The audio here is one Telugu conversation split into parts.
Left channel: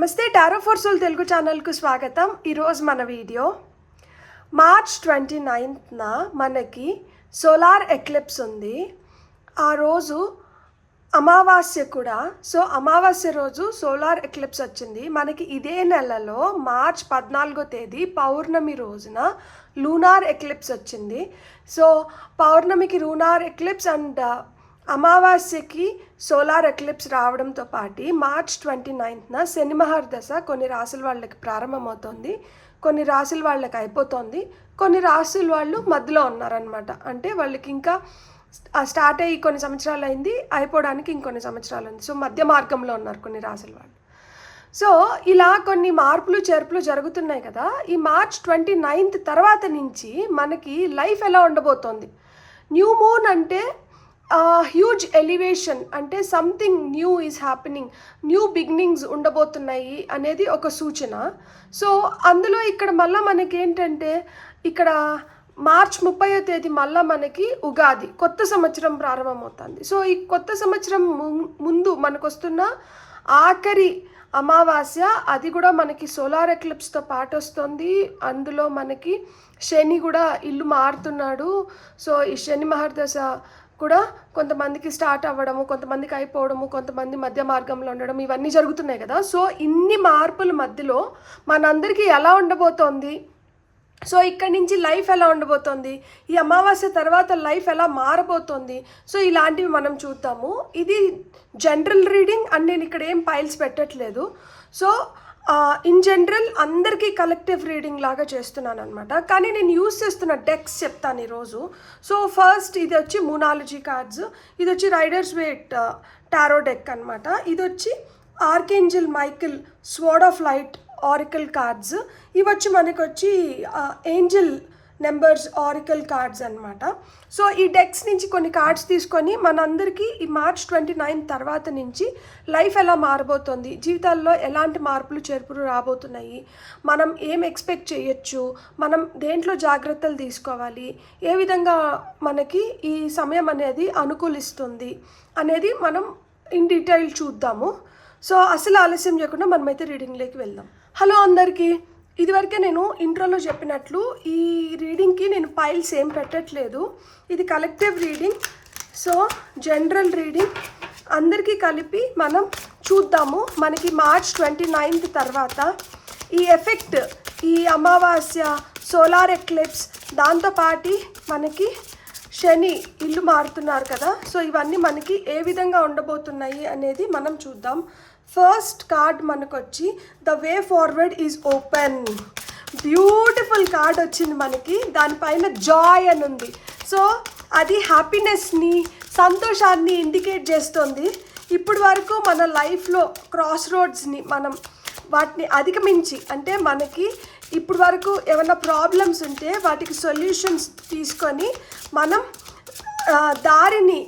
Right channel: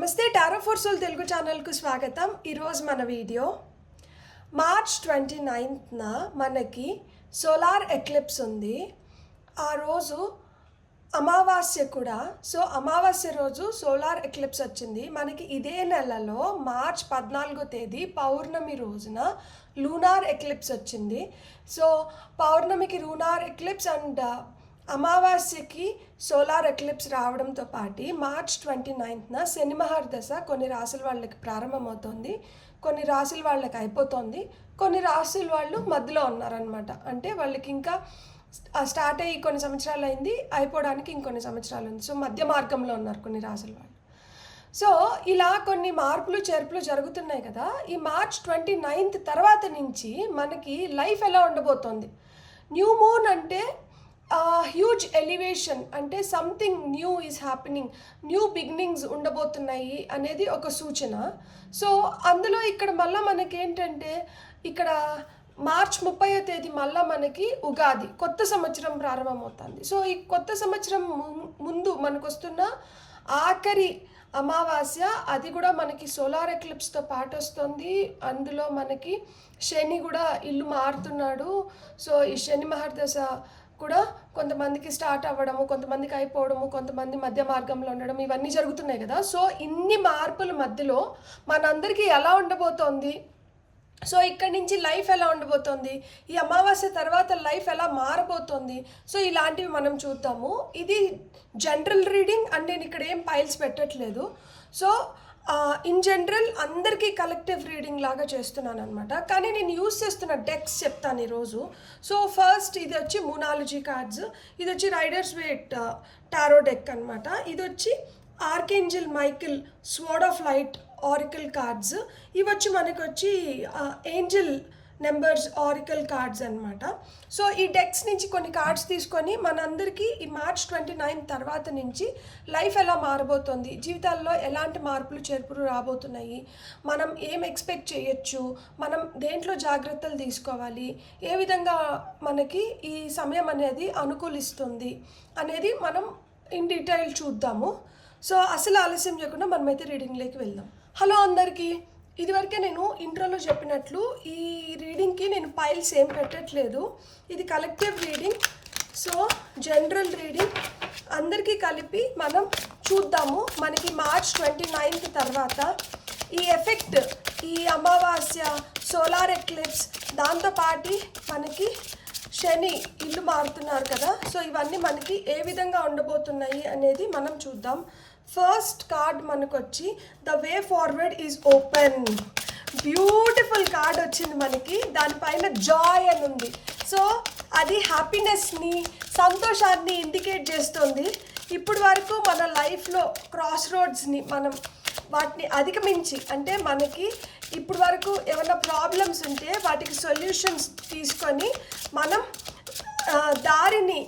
నమస్తే టారో ఫర్ సోల్ తెలుగు ఛానల్కు స్వాగతం. ఈరోజు మన వీడియో మార్చ్ 29న మనకి సోలార్ ఎక్లిప్స్ ఉంది. ఆ రోజు అమావాస్య కూడా. సో అమావాస్య రోజు సోలార్ ఎక్లిప్స్ వచ్చింది మనకి. ఇదే నెలలో మార్చ్ 14వ తేదీ పౌర్ణమి రోజున లూనార్ ఎక్లిప్స్ వచ్చింది. సో పౌర్ణమికి లూనార్ ఎక్లిప్స్ అండ్ అమావాస్యకి సోలార్ ఎక్లిప్స్ రావడంతో పాటు మార్చ్ 29న శని మహర్దశ కొన్ని రాశుల వాళ్ళకి ప్రారంభమవుతుంది, కొన్ని రాశుల వాళ్ళకి అయిపోతుంది, కొన్ని రాశుల వాళ్ళు మధ్యలో ఉన్నారనమాట. అంటే వాళ్ళకి ఇంకా స్టార్ట్ అయ్యి కొన్ని సంవత్సరాలు అయింది, అయిపోవడానికి ఇంకొన్ని సంవత్సరాలు ఉంది. సో మధ్య మార్గంలో ఉన్నారు కొన్ని రాశుల వాళ్ళు. సో ఇలా కొన్ని మార్పులు చేర్పులు జరుగుతున్నాయి కదా. ఈ మార్చ్ 29th తర్వాత నుంచి మనకి లైఫ్ ఎలా ఉండబోతోంది. న్యూ మూన్ అంటే హ్యూజ్ ఎలివేషన్, అంటే something new is happening, new beginnings ఉండబోతున్నాయి అనేది ఒక సూచన. సో అందులో ఇక్కడ మళ్ళీ మనకి ఏంటంటే ఇక్కడ మార్చ్ 30వ తేదీ మళ్ళీ మనకి ఉగాది, కొత్త సంవత్సరం ప్రారంభమవుతుంది. సో ఈ కొత్త సంవత్సరం ముందు మనకు వస్తున్న ఆఖరి అమావాస్య, అది కూడా మనకి సోలార్ ఎక్లిప్స్తో పాటు వస్తుంది. అందులో మనకి శని కూడా ఇల్లు మారుతున్నాడు. సో ఈ శని మహర్దశ కూడా కొంతమందికి స్టార్ట్ అవ్వడము, కొంతమందికి అయిపోవడము, కొంతమంది మధ్య మార్గంలో ఉండడం, ఇవన్నీ జరుగుతున్నాయి కదా. సో ఇన్ని మార్పుల మధ్యలో మనందరికీ ఎలా ఉండబోతోంది, సో ఇక్కడి నుంచి లైఫ్ ఎలా ఉండబోతోంది, ఈ అమావాస్య తర్వాత లైఫ్ ఎలా మారబోతోంది, సో ఇలాంటివి మనం చూద్దాము. ఇది జనరల్ రీడింగ్ అండ్ నేను ఇక్కడ ఏం పైల్స్ పెట్టట్లేదు. సో ఇన్ జనరల్ అందరికీ కలెక్టివ్ రీడింగ్ లాగా చేస్తున్నాను అనమాట. కానీ నేను యూస్ చేస్తున్న డెక్స్ చెప్తాను ఈరోజు. సో ఫస్ట్ ఇది వచ్చి మూనాలజీ కార్డ్స్, ఇది వచ్చి రైడర్స్ వేట్ టారో డెక్ అనమాట. ఇది వచ్చి archangel Michael sword of light oracle cards. ఇవి వచ్చి మనకు వచ్చి ఏంజల్ నెంబర్స్ ఆరికల్ కార్డ్స్ అనమాట. సో ఈ డెక్స్ నుంచి కొన్ని కార్డ్స్ తీసుకొని మనందరికీ ఈ మార్చ్ 29 తర్వాత నుంచి లైఫ్ ఎలా మారబోతోంది, జీవితాల్లో ఎలాంటి మార్పులు చేర్పులు రాబోతున్నాయి, మనం ఏం ఎక్స్పెక్ట్ చేయొచ్చు, మనం దేంట్లో జాగ్రత్తలు తీసుకోవాలి, ఏ విధంగా మనకి ఈ సమయం అనేది అనుకూలిస్తుంది అనేది మనం ఇన్ డీటెయిల్ చూద్దాము. సో అసలు ఆలస్యం చేయకుండా మనమైతే రీడింగ్లోకి వెళ్దాం. హలో అందరికీ. ఇదివరకే నేను ఇంట్రోలో చెప్పినట్లు ఈ రీడింగ్కి నేను పైల్స్ ఏం పెట్టట్లేదు. ఇది collective reading. So general reading అందరికీ కలిపి మనం చూద్దాము. మనకి మార్చ్ 29th తర్వాత ఈ ఎఫెక్ట్, ఈ అమావాస్య, సోలార్ ఎక్లిప్స్, దాంతోపాటు మనకి శని ఇల్లు మారుతున్నారు కదా. సో ఇవన్నీ మనకి ఏ విధంగా ఉండబోతున్నాయి అనేది మనం చూద్దాం. ఫస్ట్ కార్డ్ మనకు వచ్చి the way forward is open. Beautiful card వచ్చింది మనకి. దానిపైన జాయ్ అని ఉంది. సో అది హ్యాపీనెస్ని, సంతోషాన్ని ఇండికేట్ చేస్తుంది. ఇప్పటి వరకు మన లైఫ్లో క్రాస్ రోడ్స్ని మనం వాటిని అధిగమించి, అంటే మనకి ఇప్పటి వరకు ఏమైనా ప్రాబ్లమ్స్ ఉంటే వాటికి సొల్యూషన్స్ తీసుకొని మనం దారిని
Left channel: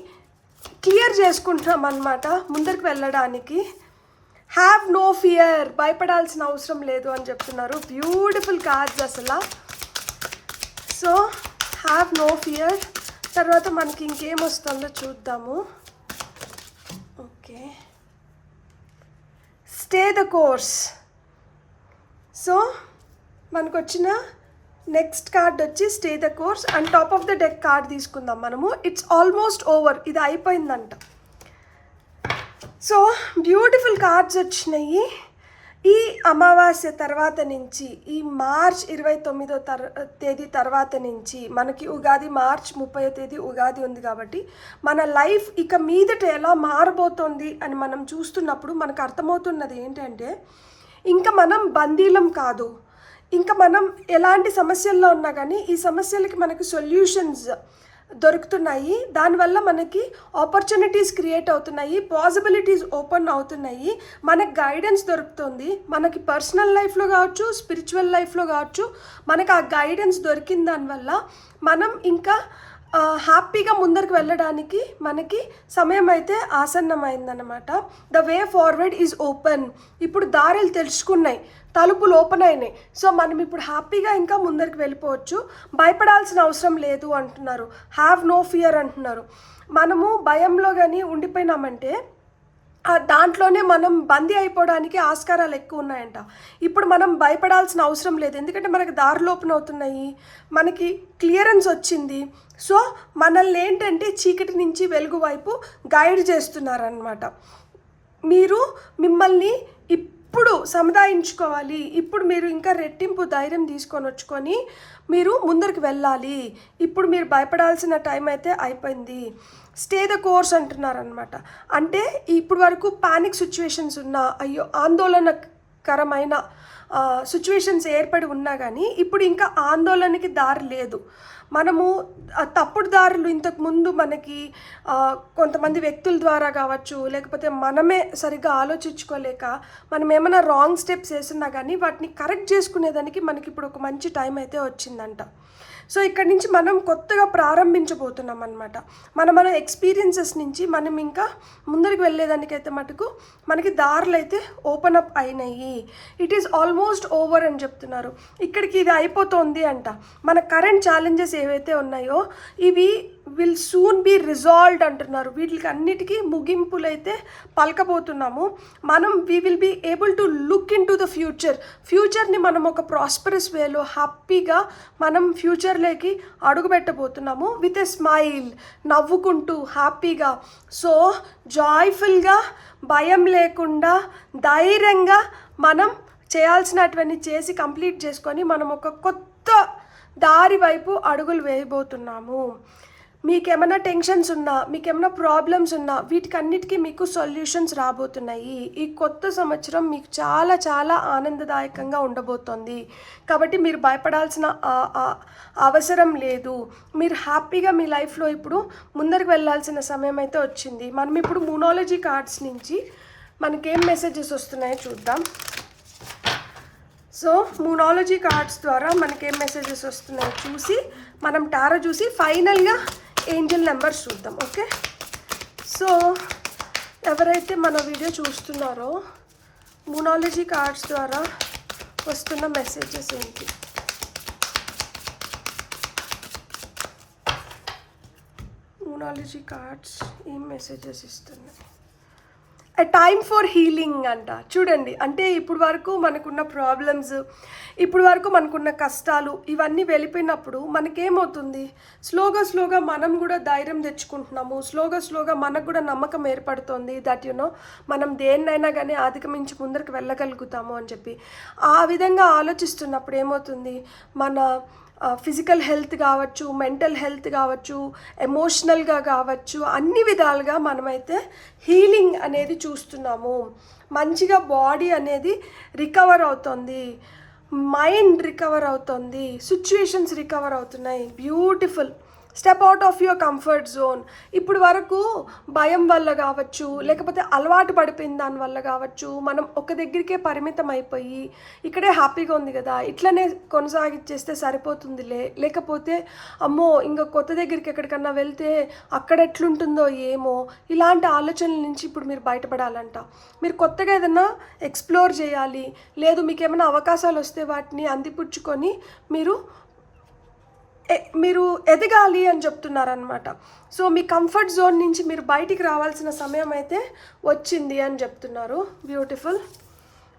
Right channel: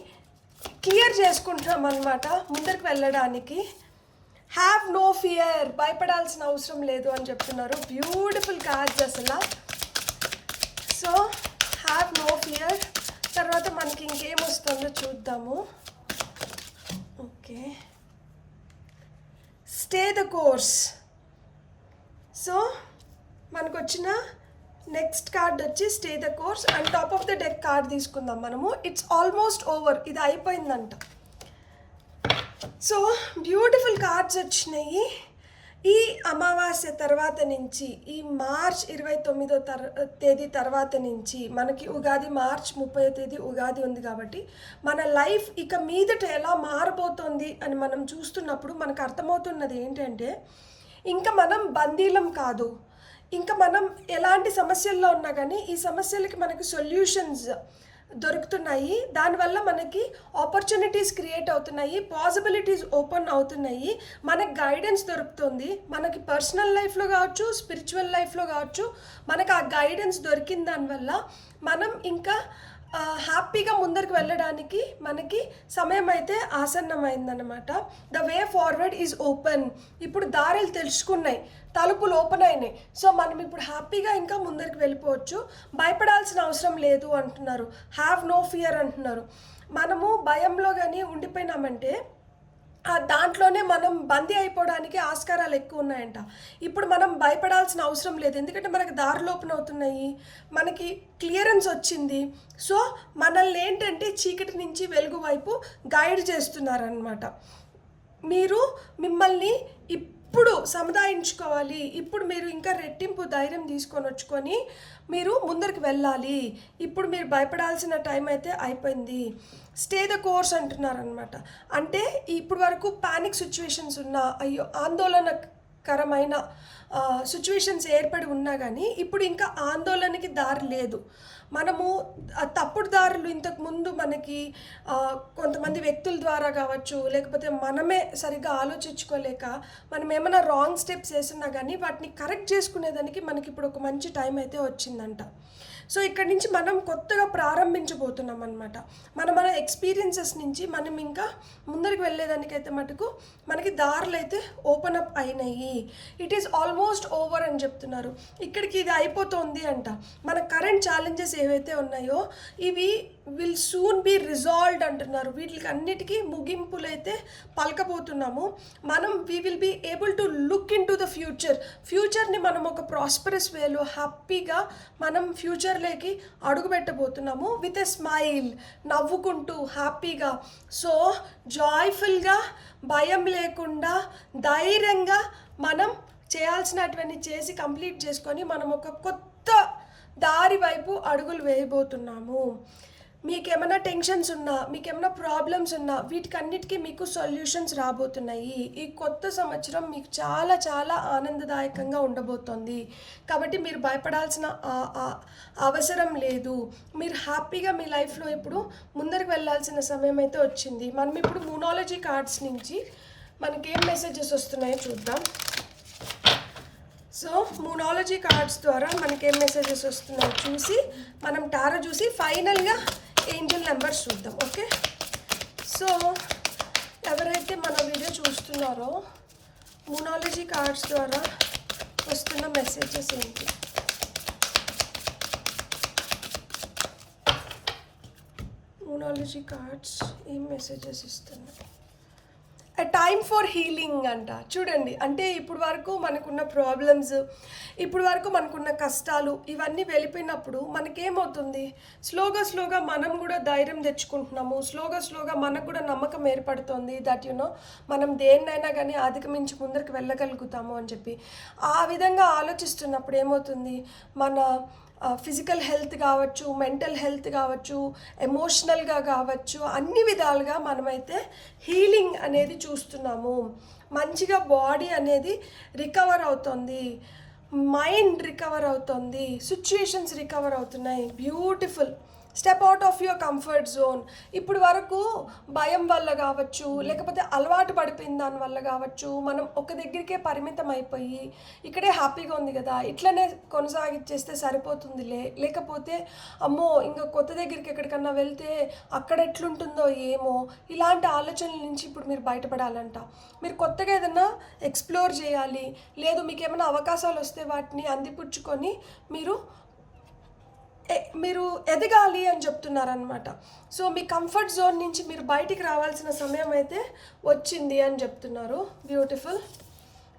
క్లియర్ చేసుకుంటున్నాం అన్నమాట ముందరికి వెళ్ళడానికి. హ్యావ్ నో ఫియర్, భయపడాల్సిన అవసరం లేదు అని చెప్తున్నారు. బ్యూటిఫుల్ కార్డ్స్ అసలు. So have no fear. తర్వాత మనకి ఇంకేం వస్తుందో చూద్దాము. Okay, stay the course. So మనకు వచ్చిన నెక్స్ట్ కార్డ్ వచ్చి stay the course. And top of the deck card తీసుకుందాం మనము. ఇట్స్ ఆల్మోస్ట్ ఓవర్, ఇది అయిపోయిందంట. సో బ్యూటిఫుల్ కార్డ్స్ వచ్చినాయి. ఈ అమావాస్య తర్వాత నుంచి, ఈ మార్చ్ 29వ తేదీ తర్వాత నుంచి మనకి ఉగాది, మార్చ్ 30వ తేదీ ఉగాది ఉంది కాబట్టి మన లైఫ్ ఇక మీదట ఎలా మారబోతోంది అని మనం చూస్తున్నప్పుడు మనకు అర్థమవుతున్నది ఏంటంటే, ఇంకా మనం బందీలం కాదు. ఇంకా మనం ఎలాంటి సమస్యల్లో ఉన్నా కానీ ఈ సమస్యలకి మనకి సొల్యూషన్స్ దొరుకుతున్నాయి. దానివల్ల మనకి ఆపర్చునిటీస్ క్రియేట్ అవుతున్నాయి, పాసిబిలిటీస్ ఓపెన్ అవుతున్నాయి, మనకు గైడెన్స్ దొరుకుతుంది. మనకి పర్సనల్ లైఫ్లో కావచ్చు, స్పిరిచువల్ లైఫ్లో కావచ్చు, మనకు ఆ గైడెన్స్ దొరికిన దానివల్ల మనం ఇంకా హ్యాపీగా ముందరికి వెళ్ళడానికి మనకి సమయం అయితే ఆసన్నమైందనమాట. The way forward is open. ఇప్పుడు దారులు తెలుసుకున్నాయి, తలుపులు ఓపెన్ అయినాయి. సో మనం ఇప్పుడు హ్యాపీగా ఇంకా ముందరికి వెళ్ళిపోవచ్చు, భయపడాల్సిన అవసరం లేదు అంటున్నారు. హ్యావ్ నో ఫియర్ అంటున్నారు. మనము భయంలో కానీ ఉండిపోయినామంటే దాంట్లోనే మనం బందీ అయిపోవడానికి ఆస్కారాలు ఎక్కువ ఉన్నాయంట. ఇప్పుడు మనం భయపడాల్సిన అవసరం లేదు, ఎందుకంటే మనకి దారులు ఓపెన్ అవుతున్నాయి, మనకి క్లియరెన్స్ వచ్చింది. సో మనల్ని ఏంటంటే చీకటి నుంచి వెలుగు వైపు గైడ్ చేస్తున్నారనమాట. మీరు మిమ్మల్ని ఇప్పుడు సముదాయించుకోవాలి, ఇప్పుడు మీరు ఇంకా రెట్టింపు ధైర్యం తీసుకొని వచ్చుకొని మీరు ముందరికి వెళ్ళాలి. ఇప్పుడు మీరు భయపడాల్సిన టైం అయితే అయిపోయింది. స్టే ద కోర్స్ అంటున్నారనమాట. అంటే ఇప్పుడు వరకు పానిక్ సిచ్యువేషన్స్ ఉన్నా, అయ్యో ఆందోళనకరమైన సిచ్యువేషన్స్ ఏర్పడి ఉన్నా కానీ ఇప్పుడు ఇంకా ఆందోళనకి దారి లేదు. మనము తప్పుడు దారులు ఇంతకుముందు మనకి కొంతమంది వ్యక్తుల ద్వారా కావచ్చు, లేకపోతే మనమే సరిగ్గా ఆలోచించుకోలేక మనం ఏమైనా రాంగ్ స్టెప్స్ వేస్తున్నా కానీ వాటిని కరెక్ట్ చేసుకునేదానికి మనకి ఇప్పుడు ఒక మంచి టైం అయితే వచ్చిందంట. సో ఇక్కడ నుంచి మనం కొత్తగా ప్రారంభించబోతున్నాం అనమాట. మన ఎక్స్పీరియన్సెస్ నుంచి మనం ఇంకా ముందరికి వెళ్ళేదానికైతే మటుకు మనకి దారులు అయితే ఓపెన్ అప్ అయినాయి. ఇట్ ఈస్ ఆల్మోస్ట్ ఓవర్ అని చెప్తున్నారు. ఇక్కడికి ఇది అయిపోతుంది అంట. మన కరెంట్ ఛాలెంజెస్ ఏవైతే ఉన్నాయో ఇవి విల్ సూన్ బీ రిజాల్వ్డ్ అంటున్నారు. వీటికి అన్నిటికీ ముగింపులైతే పలకబోతున్నాము. మనం we will be able to look into the ఫ్యూచర్ని మనం ఒక ప్రాస్పరస్ వేలో హ్యాపీగా మనం ఫ్యూచర్లోకి అడుగుపెట్టబోతున్నాము విత్ ఎ స్మైల్, నవ్వుకుంటూ హ్యాపీగా. సో జాయ్ఫుల్గా, భయం లేకుండా, ధైర్యంగా మనం చేయాల్సినటువంటి చేసి కంప్లీట్ చేసుకొని మనం ఒక కొత్త దారి వైపు అడుగులు వేయబోతున్నాము. మీకేమైనా టెన్షన్స్ ఉన్నా, మీకేమైనా ప్రాబ్లమ్స్ ఉన్నా వీటికన్నిటికీ మీకు సొల్యూషన్స్ రాబోతున్నాయి. ఈ కొత్త సంవత్సరం మీకు చాలా చాలా ఆనందదాయకంగా ఉండబోతోంది. కాబట్టి మీరు భయపడాల్సిన అవసరం లేదు. మీరు హ్యాపీగా మీ లైఫ్లో ఇప్పుడు ముందరికి వెళ్ళాల్సిన సమయం అయితే వచ్చింది. మనం ఇప్పుడు మూనాలజీ కార్డ్స్ నుంచి మనకేం మెసేజెస్ వస్తున్నాయో చూద్దాం. సో మూనాలజీ కార్డ్స్ ద్వారా మనకేం మెసేజెస్ వస్తున్నాయో చూసి మనం టారో చూసి ఫైనల్గా ఏంజల్ నెంబర్స్ చూద్దాం. ఓకే, సో ఎవరైతే మన వీడియో చూస్తున్నారో మూనాలజీ కార్డ్స్ ద్వారా వస్తున్న మెసేజెస్ ఏంటి? మూనాలజీ కార్డ్స్ ఏం మెసేజెస్ ఇస్తున్నాయి? ఎ టైమ్ ఫర్ హీలింగ్ అంట. చూడండి, అంటే ఇప్పుడు వరకు మనకున్న ప్రాబ్లమ్స్, ఇప్పుడు వరకు మనకున్న కష్టాలు ఇవన్నీ వెళ్ళిపోయినప్పుడు మనకేమవుతుంది, స్లోగా మనం కూడా ధైర్యం తెచ్చుకుంటున్నాము. స్లోగా మనకు కూడా నమ్మకం ఏర్పడుతుంది దట్ మనం దేన్నైనా కానీ అధిగమించి ముందరికి వెళ్ళగలుగుతాము అని చెప్పి. ఆ విధంగా ఆలోచిస్తున్నప్పుడు ఏమవుతుంది, మన ఫిజికల్ హెల్త్ కావచ్చు, మెంటల్ హెల్త్ కావచ్చు, ఎమోషనల్గా కావచ్చు, అన్ని విధాలుగా మనమైతే హీలింగ్ అనేది చూస్తున్నాము. మంచిగా బాడీ అనేది రికవర్ అవుతుంది, మైండ్ రికవర్ అవుతుంది, సిచ్యువేషన్స్ రికవర్ అవుతున్నాయి. Beautiful. Step out of your comfort zone. ఇప్పుడు వరకు భయం వల్ల కావచ్చు, లేకపోతే అలవాటు పడిపోయిన దాని వల్ల కావచ్చు, మనం ఒక దగ్గరికే పరిమితం అయిపోయి ఇక్కడే హ్యాపీగా ఉంది కదా, ఇట్లనే కొనసాగించేస్తే సరిపోతుందిలే, లేకపోతే అమ్మో ఇంకా కొత్త దగ్గరికి ఎక్కడికన్నా వెళ్తే అక్కడ ఎట్లుంటుందో ఏమో, ఇలాంటి ఆలోచనల నుంచి ఇప్పుడు మీరు బయటపడాలంట. మీరు కొత్తగా ఏదైనా ఎక్స్ప్లోర్ చేయాలి, లేదు మీకు ఏమైనా అవకాశాలు వస్తే వాటిని అందిపుచ్చుకొని మీరు ఎదగాలి అని చెప్తున్నారనమాట. సో మీ కంఫర్ట్ జోన్ నుంచి మీరు బయటికి రావాల్సిన సమయం అయితే వచ్చింది అని చెప్తున్నారు. బ్యూటిఫుల్.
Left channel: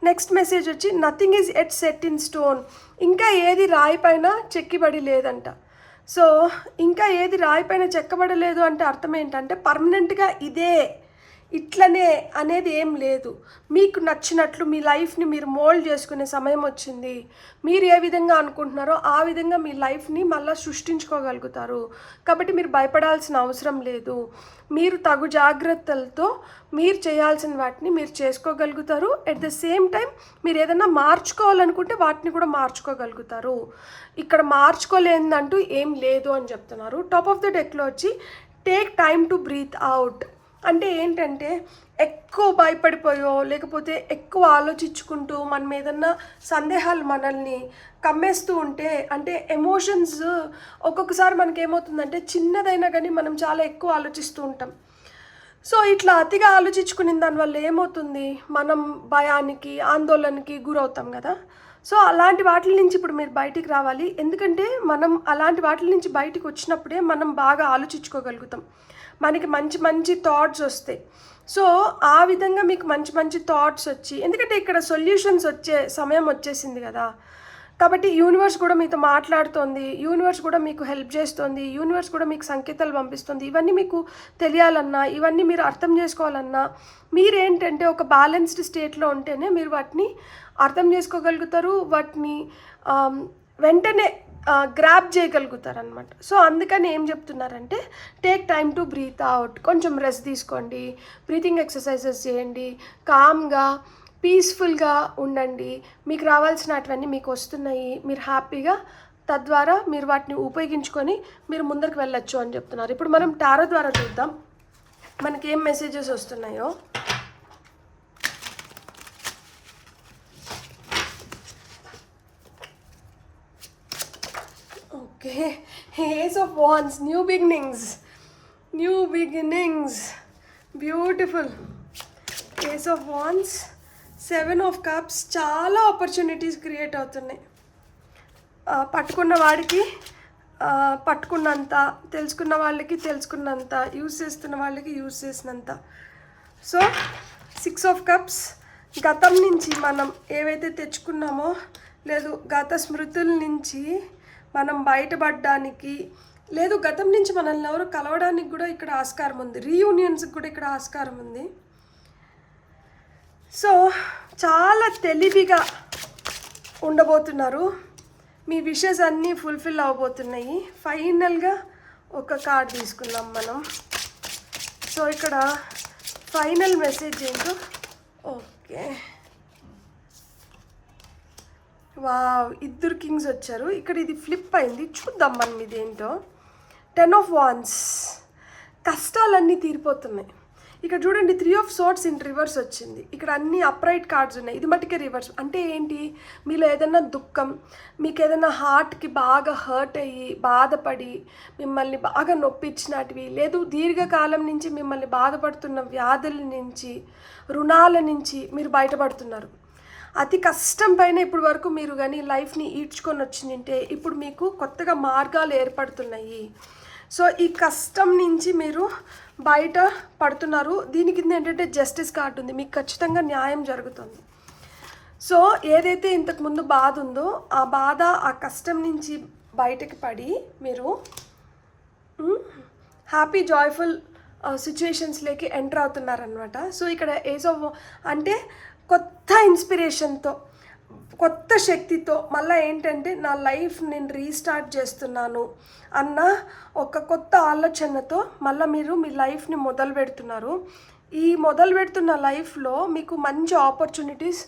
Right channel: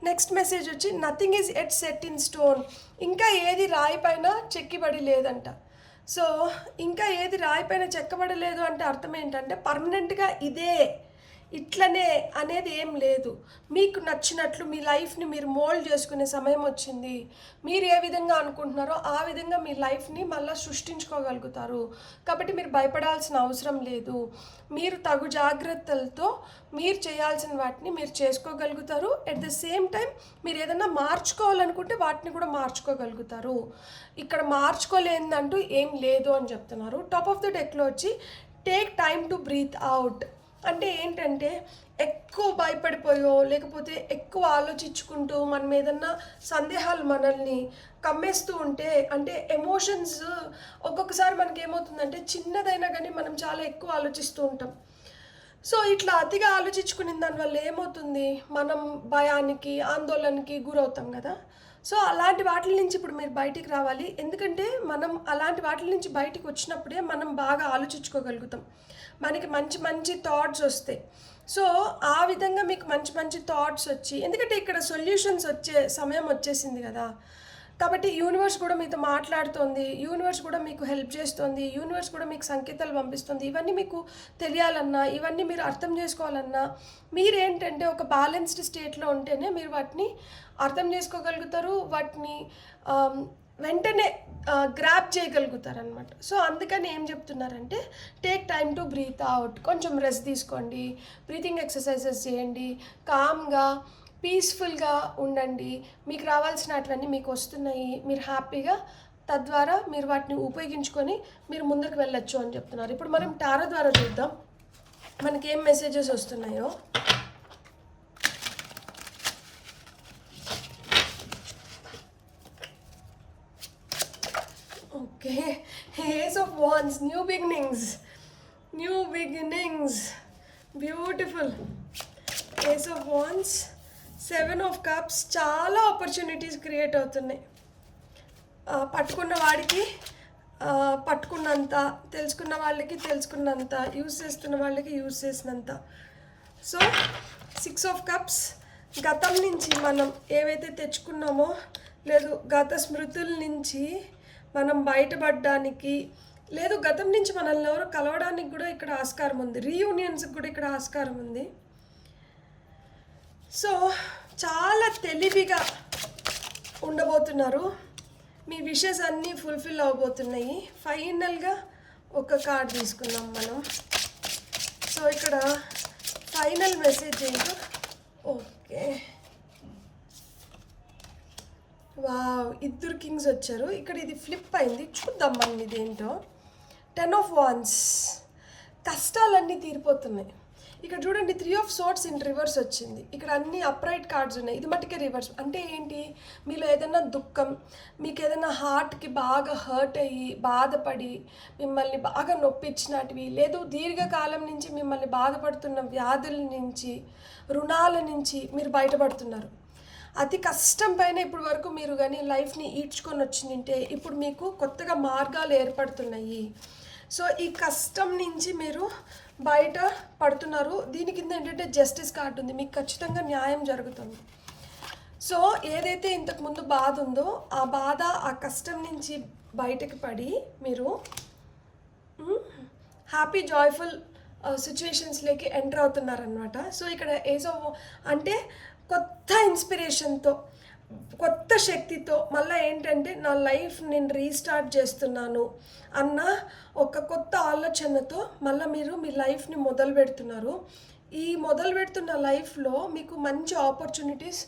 నెక్స్ట్ మెసేజ్ వచ్చి nothing is at set in stone. ఇంకా ఏది రాయి పైన చెక్కిబడి లేదంట. సో ఇంకా ఏది రాయి పైన చెక్కబడలేదు అంటే అర్థం ఏంటంటే పర్మనెంట్గా ఇదే ఇట్లనే అనేది ఏం లేదు. మీకు నచ్చినట్లు మీ లైఫ్ని మీరు మోల్డ్ చేసుకునే సమయం వచ్చింది. మీరు ఏ విధంగా అనుకుంటున్నారో ఆ విధంగా మీ లైఫ్ని మళ్ళీ సృష్టించుకోగలుగుతారు. కాబట్టి మీరు భయపడాల్సిన అవసరం లేదు. మీరు తగు జాగ్రత్తలతో మీరు చేయాల్సిన వాటిని మీరు చేసుకోగలుగుతారు. ఎట్ ద సేమ్ టైం మీరు ఏదైనా మార్చుకోవాలనుకుంటే వాటిని కూడా మార్చుకోగలుగుతారు. ఇక్కడ మార్చుకోలేదంటూ ఏం లేదు అని చెప్తున్నారు. టాప్ ఆఫ్ ద డెక్లో వచ్చి take time to breathe out. అంటే ఏంటంటే ఎక్కువ భయపడిపోయో లేకపోతే ఎక్కువ ఆలోచించుకుంటూ మనం ఏదన్నా సందేహాలు మనల్ని కమ్మేస్తూ ఉంటే, అంటే ఎమోషన్స్ ఒక్కొక్కసారి మనకేమవుతుందంటే చిన్నదైనా కానీ మనం చాలా ఎక్కువ ఆలోచిస్తూ ఉంటాం. సో ఇట్లా అతిగా ఆలోచించుకునే దానివల్ల ఏమవుతుంది, మనం భయానికి ఆందోళనకి గురవుతాం కదా. సో అలాంటి వాటి నుంచి ఇప్పుడు మీరు బయటికి రావాలి. ఎందుకంటే మనం అలాంటి వాటి నుంచి బయటికి వచ్చినప్పుడే మనం బాగా ఆలోచించుకోగలుగుతాం. మనకి మంచి మంచి థాట్స్ వస్తాయి. సో ఆ విధంగా మీకు మంచి మంచి థాట్స్ వచ్చి, ఎందుకంటే ఇక్కడ సొల్యూషన్స్ వచ్చే సమయం వచ్చేసింది కదా, కాబట్టి యూనివర్స్ కూడా మీతో మాట్లాడుతోంది, యూనివర్స్ కూడా మీకు హెల్ప్ చేస్తుంది, యూనివర్స్ కూడా మీకు సంకేతాలు పంపిస్తుంది. ఇవన్నీ మీకు తెలియాలన్నా, ఇవన్నీ మీరు అర్థం చేసుకోవాలన్నా మీరేంటంటే ఒక బ్యాలెన్స్డ్ స్టేట్లో ఉంటేనే మీరు వాటిని అర్థం చేసుకోగలుగుతారు, వాటిని వెంటనే గ్రాప్ చేయగలుగుతారు అనమాట. సో అందుకని ఏం చెప్తున్నారంటే take time to breathe out, కొంచెం రెస్ట్ తీసుకోండి, బ్రీతింగ్ ఎక్సర్సైజెస్ చేయండి, కామ్గా పీస్ఫుల్గా ఉండండి, మీకు రావాల్సినటువన్నీ మీకు వస్తున్నాయి, మీరు హ్యాపీగా, తద్వారా మీరు వాటిని ఉపయోగించుకొని మీరు ముందరికి వెళ్ళొచ్చు అని చెప్తున్నారు. ఇప్పుడు మనం టారో ద్వారా చూద్దాం మనకి ఏం మెసేజెస్ వస్తున్నాయో. Okay, ace of wands, new beginnings, beautiful. Ace of wands, 7 of cups, చాలా ఆపర్చునిటీస్ క్రియేట్ అవుతున్నాయి. పట్టుకున్న వాడికి పట్టుకున్నంత, తెలుసుకున్న వాళ్ళకి తెలుసుకున్నంత, యూజ్ చేస్తున్న వాళ్ళకి యూజ్ చేసినంత. సో 6 ఆఫ్ కప్స్, గతం నుంచి మనం ఏవైతే తెచ్చుకున్నామో, లేదు గత స్మృతుల నుంచి మనం బయటపడడానికి, లేదు గతం నుంచి మనల్ని ఎవరు కలవడానికి కూడా ఇక్కడ ఆస్కారం ఉంది, రీయూనియన్స్కి కూడా ఇక్కడ ఆస్కారం ఉంది. సో చాలా తెలివిగా ఉండబోతున్నారు, మీ విషెస్ అన్నీ ఫుల్ఫిల్ అవ్వబోతున్నాయి. ఫైనల్గా ఒక కార్డ్ తీసుకుందాం మనం. సో ఇక్కడ ఫైనల్ మెసేజ్ ఏంటో. ఓకే, వావ్, 2 కింగ్స్ వచ్చారు. ఇక్కడ ఇది ఫ్లిప్ అయింది, చూద్దాం మనం ఇదేంటో. 10 ఆఫ్ వాండ్స్, కష్టాలన్నీ తీరిపోతున్నాయి. ఇక్కడ చూడండి 3 ఆఫ్ సోర్ట్స్ ఇన్ రివర్స్ వచ్చింది. ఇక్కడ అన్ని అప్రైట్ కార్డ్స్ ఉన్నాయి, ఇది మట్టుకే రివర్స్. అంటే ఏంటి, మీలో ఏదైనా దుఃఖం, మీకు ఏదైనా హార్ట్కి బాగా హర్ట్ అయ్యి బాధపడి మిమ్మల్ని బాగా నొప్పించినటివి, లేదు దీర్ఘకాలం నుంచి మిమ్మల్ని బాధపడుతున్న వ్యాధుల నుంచి, రుణాల నుంచి మీరు బయటపడుతున్నారు. అతి కష్టం పైన ఇప్పుడు వరకు మీరు కానీ లైఫ్ని ఈడ్చుకొని వచ్చిందంటే ఇప్పుడు మీకు కొత్తగా మార్గాలు ఏర్పడుతున్నాయి. సో ఈ కష్టం నుంచి మీరు బయట పడుతున్నారు. దీని కింద ఏంటంటే జస్టిస్ కార్డు ఉంది, మీకు ఖచ్చితంగా న్యాయం జరుగుతుంది. సో ఏదైతే ఇంతకుముందు బాధ ఉందో ఆ బాధ, ఆ కష్టం నుంచి బయటకు పడి మీరు హ్యాపీ జాయ్ఫుల్ సిచ్యువేషన్స్లోకి ఎంటర్ అవుతున్నారనమాట. సో ఇక్కడ ఏజ్ ఆఫ్ అంటే కొత్త ఇన్స్పిరేషన్తో, కొత్త శక్తితో, మళ్ళీ ఏంటంటే నా లైఫ్ నేను రీస్టార్ట్ చేస్తున్నాను అన్న ఒక కొత్త ఆలోచనతో మళ్ళీ మీరు మీ లైఫ్ని మొదలు పెడుతున్నారు. ఈ మొదలు పెడుతున్న లైఫ్లో మీకు మంచి ఆపర్చునిటీస్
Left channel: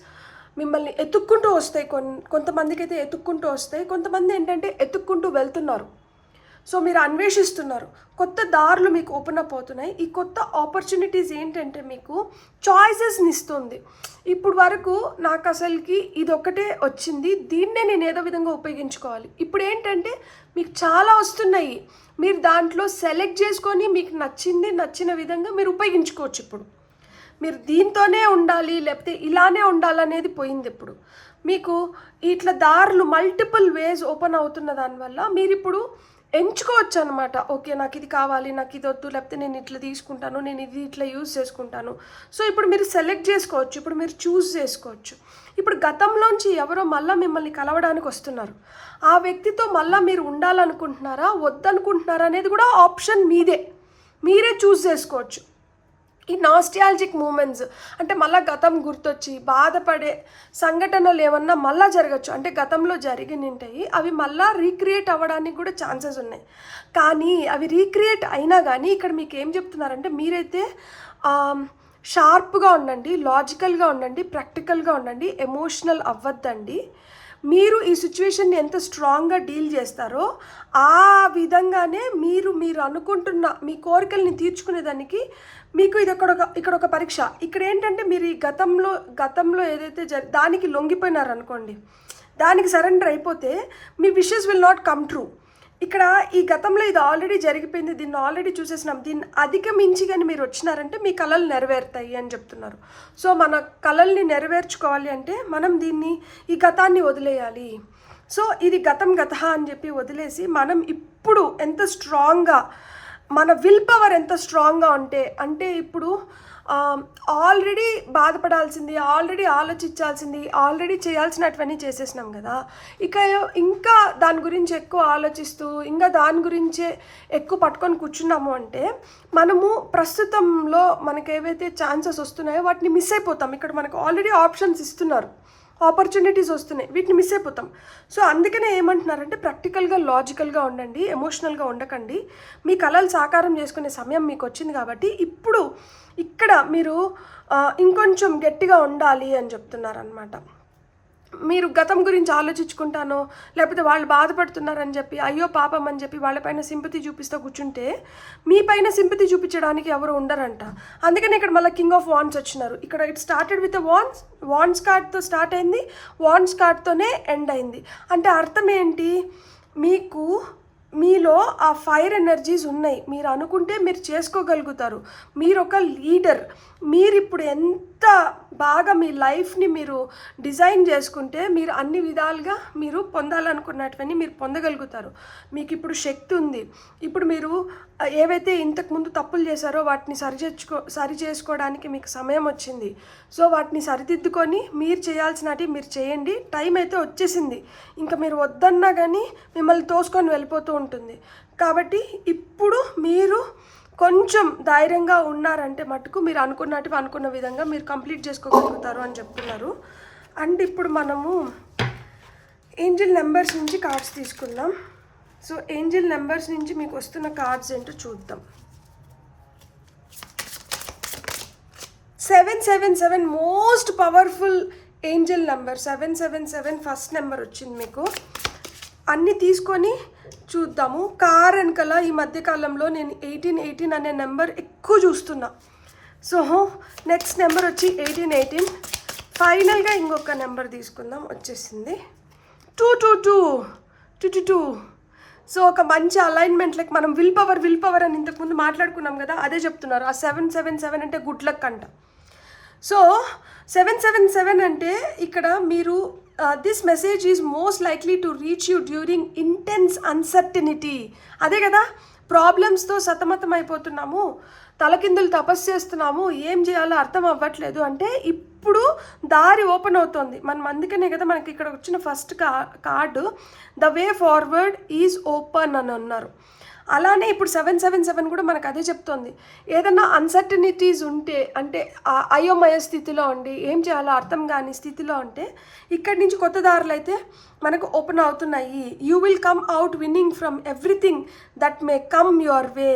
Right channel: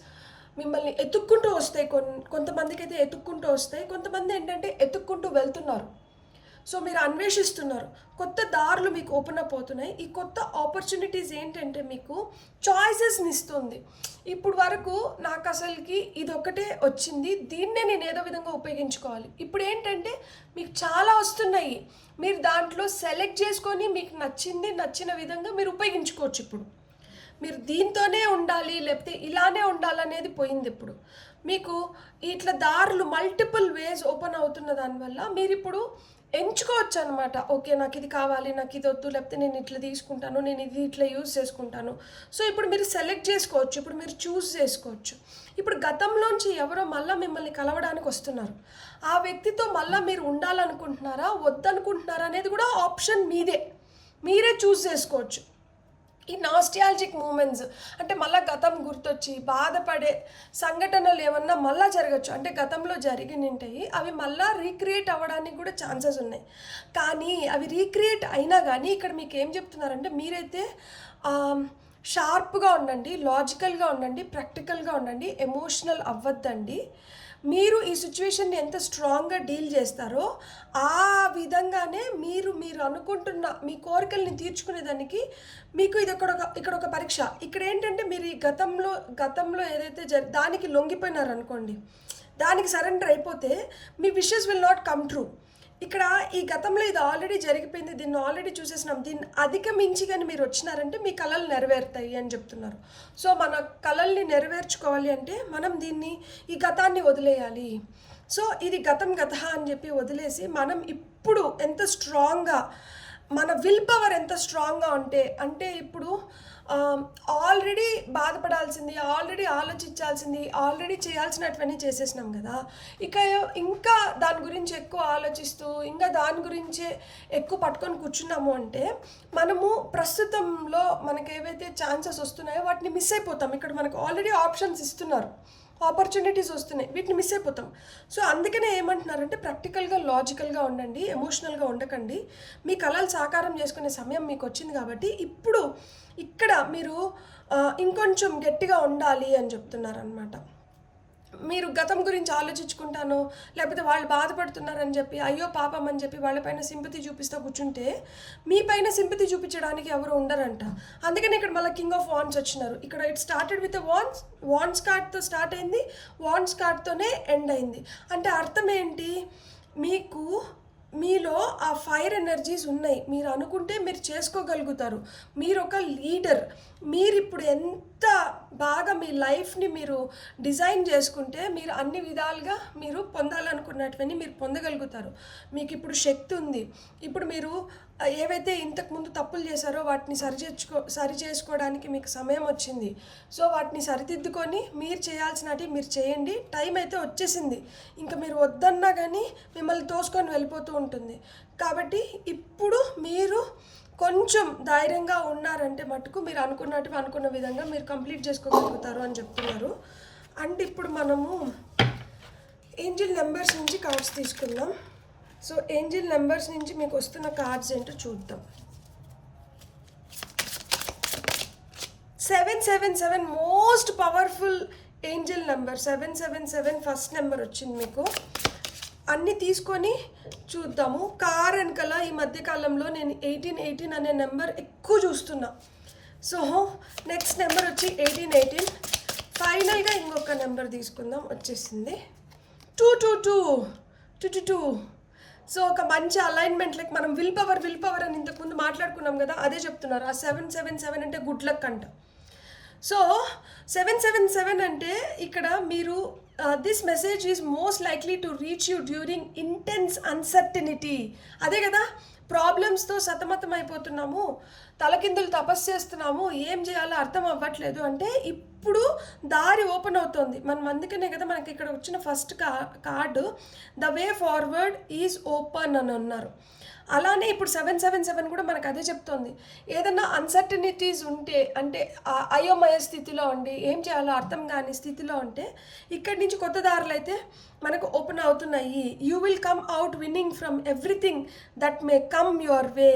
మిమ్మల్ని ఎత్తుక్కుంటూ వస్తాయి. కొంతమందికి అయితే ఎత్తుక్కుంటూ వస్తాయి, కొంతమంది ఏంటంటే ఎత్తుక్కుంటూ వెళ్తున్నారు. సో మీరు అన్వేషిస్తున్నారు, కొత్త దారులు మీకు ఓపెన్ అప్ అవుతున్నాయి. ఈ కొత్త ఆపర్చునిటీస్ ఏంటంటే మీకు చాయిసెస్ని ఇస్తుంది. ఇప్పుడు వరకు నాకు అసలుకి ఇది ఒకటే వచ్చింది, దీన్నే నేను ఏదో విధంగా ఉపయోగించుకోవాలి. ఇప్పుడు ఏంటంటే మీకు చాలా వస్తున్నాయి, మీరు దాంట్లో సెలెక్ట్ చేసుకొని మీకు నచ్చిన విధంగా మీరు ఉపయోగించుకోవచ్చు. ఇప్పుడు మీరు దీంతోనే ఉండాలి లేకపోతే ఇలానే ఉండాలనేది పోయింది. ఇప్పుడు మీకు ఇట్లా దారులు మల్టిపుల్ వేస్ ఓపెన్ అవుతున్న దానివల్ల మీరు ఇప్పుడు ఎంచుకోవచ్చు అనమాట. ఓకే, నాకు ఇది కావాలి, నాకు ఇది వద్దు, లేకపోతే నేను ఇట్లా తీసుకుంటాను, నేను ఇది ఇట్లా యూజ్ చేసుకుంటాను. సో ఇప్పుడు మీరు సెలెక్ట్ చేసుకోవచ్చు, ఇప్పుడు మీరు చూస్ చేసుకోవచ్చు. ఇప్పుడు గతంలోంచి ఎవరో మళ్ళీ మిమ్మల్ని కలవడానికి వస్తున్నారు, ఆ వ్యక్తితో మళ్ళీ మీరు ఉండాలనుకుంటున్నారా వద్దనుకుంటున్నారా అనేది కూడా ఆప్షన్ మీరే చూస్ చేసుకోవచ్చు. ఈ నాస్టాలజిక్ మూమెంట్స్ అంటే మళ్ళీ గతం గుర్తొచ్చి బాధపడే సంఘటనలు ఏమన్నా మళ్ళీ జరగచ్చు, అంటే గతంలో జరిగినంటాయి అవి మళ్ళీ రీక్రియేట్ అవ్వడానికి కూడా ఛాన్సెస్ ఉన్నాయి. కానీ అవి రీక్రియేట్ అయినా కానీ ఇక్కడ మీకు ఏం చెప్తున్నారంటే మీరైతే షార్ప్గా ఉండండి, లాజికల్గా ఉండండి, ప్రాక్టికల్గా ఉండండి, ఎమోషనల్ అవ్వద్దండి. మీరు ఈ సిచ్యువేషన్ని ఎంత స్ట్రాంగ్గా డీల్ చేస్తారో ఆ విధంగానే మీరు అనుకుంటున్న మీ కోరికల్ని తీర్చుకునేదానికి మీకు ఇది ఇక్కడ ఒక పరీక్ష. ఇక్కడ ఏంటంటే మీరు ఈ గతంలో ఏదైతే దానికి లొంగిపోయినారనుకోండి, దానికి సరెండర్ అయిపోతే మీ wishes will not come true. ఇక్కడ ఈ గతంలో ఇది ఆల్రెడీ జరిగిపోయింది, దీన్ని ఆల్రెడీ చూసేసినాం, దీన్ని అధిగమించి కానీ మీరు వచ్చినారంటే మీ కలలు నెరవేరుతాయి అని చెప్తున్నారు. సో మన కలల్ని నెరవేర్చుకోవాలి అంటే మనం ఈ గతాన్ని వదిలేయాలి. సో ఇది గతం అని చెప్పి వదిలేసి మనం ఇప్పుడు ఎంత స్ట్రాంగ్గా, మన విల్ పవర్ ఎంత స్ట్రాంగ్గా అంటే ఇప్పుడు ఆల్రెడీ బాధపడాల్సింది, ఆల్రెడీ ఆలోచించాల్సింది, ఆల్రెడీ చేయాల్సినటువన్నీ చేసేసినాం కదా. ఇక ఇంకా దాని గురించి ఎక్కువ ఆలోచిస్తూ ఇంకా దాని గురించే ఎక్కువ పట్టుకొని కూర్చున్నాము అంటే మనము ప్రస్తుతంలో మనకు ఏవైతే ఛాన్సెస్ వస్తున్నాయో వాటిని మిస్ అయిపోతాం. ఇక్కడ మనకు ఆల్రెడీ ఆప్షన్స్ ఇస్తున్నారు, ఆపర్చునిటీస్ వస్తున్నాయి, వీటిని మిస్ అయిపోతాం. సో అందుకనే ఏమంటున్నారంటే ప్రాక్టికల్గా లాజికల్గా ఉండండి, ఎమోషనల్గా ఉండకండి. మీ కళలు సాకారం చేసుకునే సమయం మీకు వచ్చింది కాబట్టి ఇప్పుడు ఇక్కడ మీరు ఇంకొంచెం గట్టిగా ఉండాలి అని చెప్తున్నారనమాట. మీరు గతం గురించి ఆలోచించుకుంటానో లేకపోతే వాళ్ళు బాధపడుతున్నారని చెప్పి అయ్యో పాపం అని చెప్పి వాళ్ళపైన సింపతి చూపిస్తూ కూర్చుంటే మీ పైన సింపతి చూపించడానికి ఎవరు ఉండరంట. అందుకని ఇక్కడ మళ్ళీ కింగ్ ఆఫ్ వాన్స్ వచ్చినారు. ఇక్కడ ఇట్ స్టార్టెడ్ విత్ వాన్స్ కార్డ్తో స్టార్ట్ అయింది, వాన్స్ కార్డ్తోనే ఎండ్ అయింది. అంటే అర్థం ఏంటి, మీలో ఆ ఫైర్ ఎనర్జీస్ ఉన్నాయి. మీరు అనుకుంటే మీరు చేసుకోగలుగుతారు. మీరు ఒక లీడర్. మీరు ఇప్పుడు ఎంత బాగా మీ లైఫ్ని మీరు డిజైన్ చేసుకుంటే మీరు అన్ని విధాలుగా మీరు పొందాలనుకున్నటువన్నీ మీరు పొందగలుగుతారు. మీకు ఇప్పుడు శక్తి ఉంది. ఇప్పుడు మీరు ఏవైతే ఇంతకుముందు తప్పులు చేశారో వాటిని సరి చేసుకోవడానికి మీకు సమయం వచ్చింది. సో వాటిని సరిదిద్దుకొని మీరు చేయాల్సినవి మీరు చేయండి. టైం అయితే వచ్చేసింది. ఇంకా మీరు వద్దన్నా కానీ మిమ్మల్ని తోసుకొని వెళ్ళిపోతూ ఉంటుంది. కాబట్టి ఇప్పుడు మీరు కొంచెం ధైర్యంగా ఉన్నారంటే మటుకు మీరు అనుకున్న విధంగా మీరు కంప్లీట్ చేసుకోగలుగుతారు అని చెప్తున్నారు. అండ్ ఇప్పుడు మనము ఏంజిల్ నెంబర్స్ నుంచి కార్డ్స్ తీసుకుందాం. సో ఏంజిల్ నెంబర్స్ నుంచి మీకు వస్తున్న కార్డ్స్ ఏంటో చూద్దాం. 777 most powerful angel number. 777 first number వచ్చింది మీకు. అన్నీ తీసుకొని చూద్దాము. కార్ వెనకాల ఈ మధ్యకాలంలో నేను 1818 అనే నెంబర్ ఎక్కువ చూస్తున్నా. సో నెక్స్ట్ నెంబర్ వచ్చి 1818. ఫైనల్గా ఇంకొక నెంబర్ తీసుకుందాం, వచ్చేసింది 222. సో ఒక మంచి అలైన్మెంట్లకి మనం విల్ పవర్ అని ఇంతకుముందు మాట్లాడుకున్నాం కదా, అదే చెప్తున్నారు. ఆ 777 అంటే గుడ్ లక్ అంట. సో 777 అంటే ఇక్కడ మీరు this message is most likely to reach you during intense uncertainty. అదే కదా, ప్రాబ్లమ్స్తో సతమతం అయిపోతున్నాము, తలకిందులు తపస్సు చేస్తున్నాము, ఏం చేయాలో అర్థం అవ్వట్లేదు అంటే ఇప్పుడు దారి ఓపెన్ అవుతుంది. మనం అందుకనే కదా మనకి ఇక్కడ వచ్చిన first card the way forward is open అని అన్నారు. అలానే ఇప్పుడు 777 కూడా మనకు అదే చెప్తోంది. ఏదన్నా అన్సర్టనిటీస్ ఉంటే అంటే అయోమయ స్థితిలో ఉండి ఏం చేయాలో అర్థం కాని స్థితిలో ఉంటే ఇక్కడి నుంచి కొత్త దారులు అయితే మనకు ఓపెన్ అవుతున్నాయి. You will come out winnowing from everything that may come your way.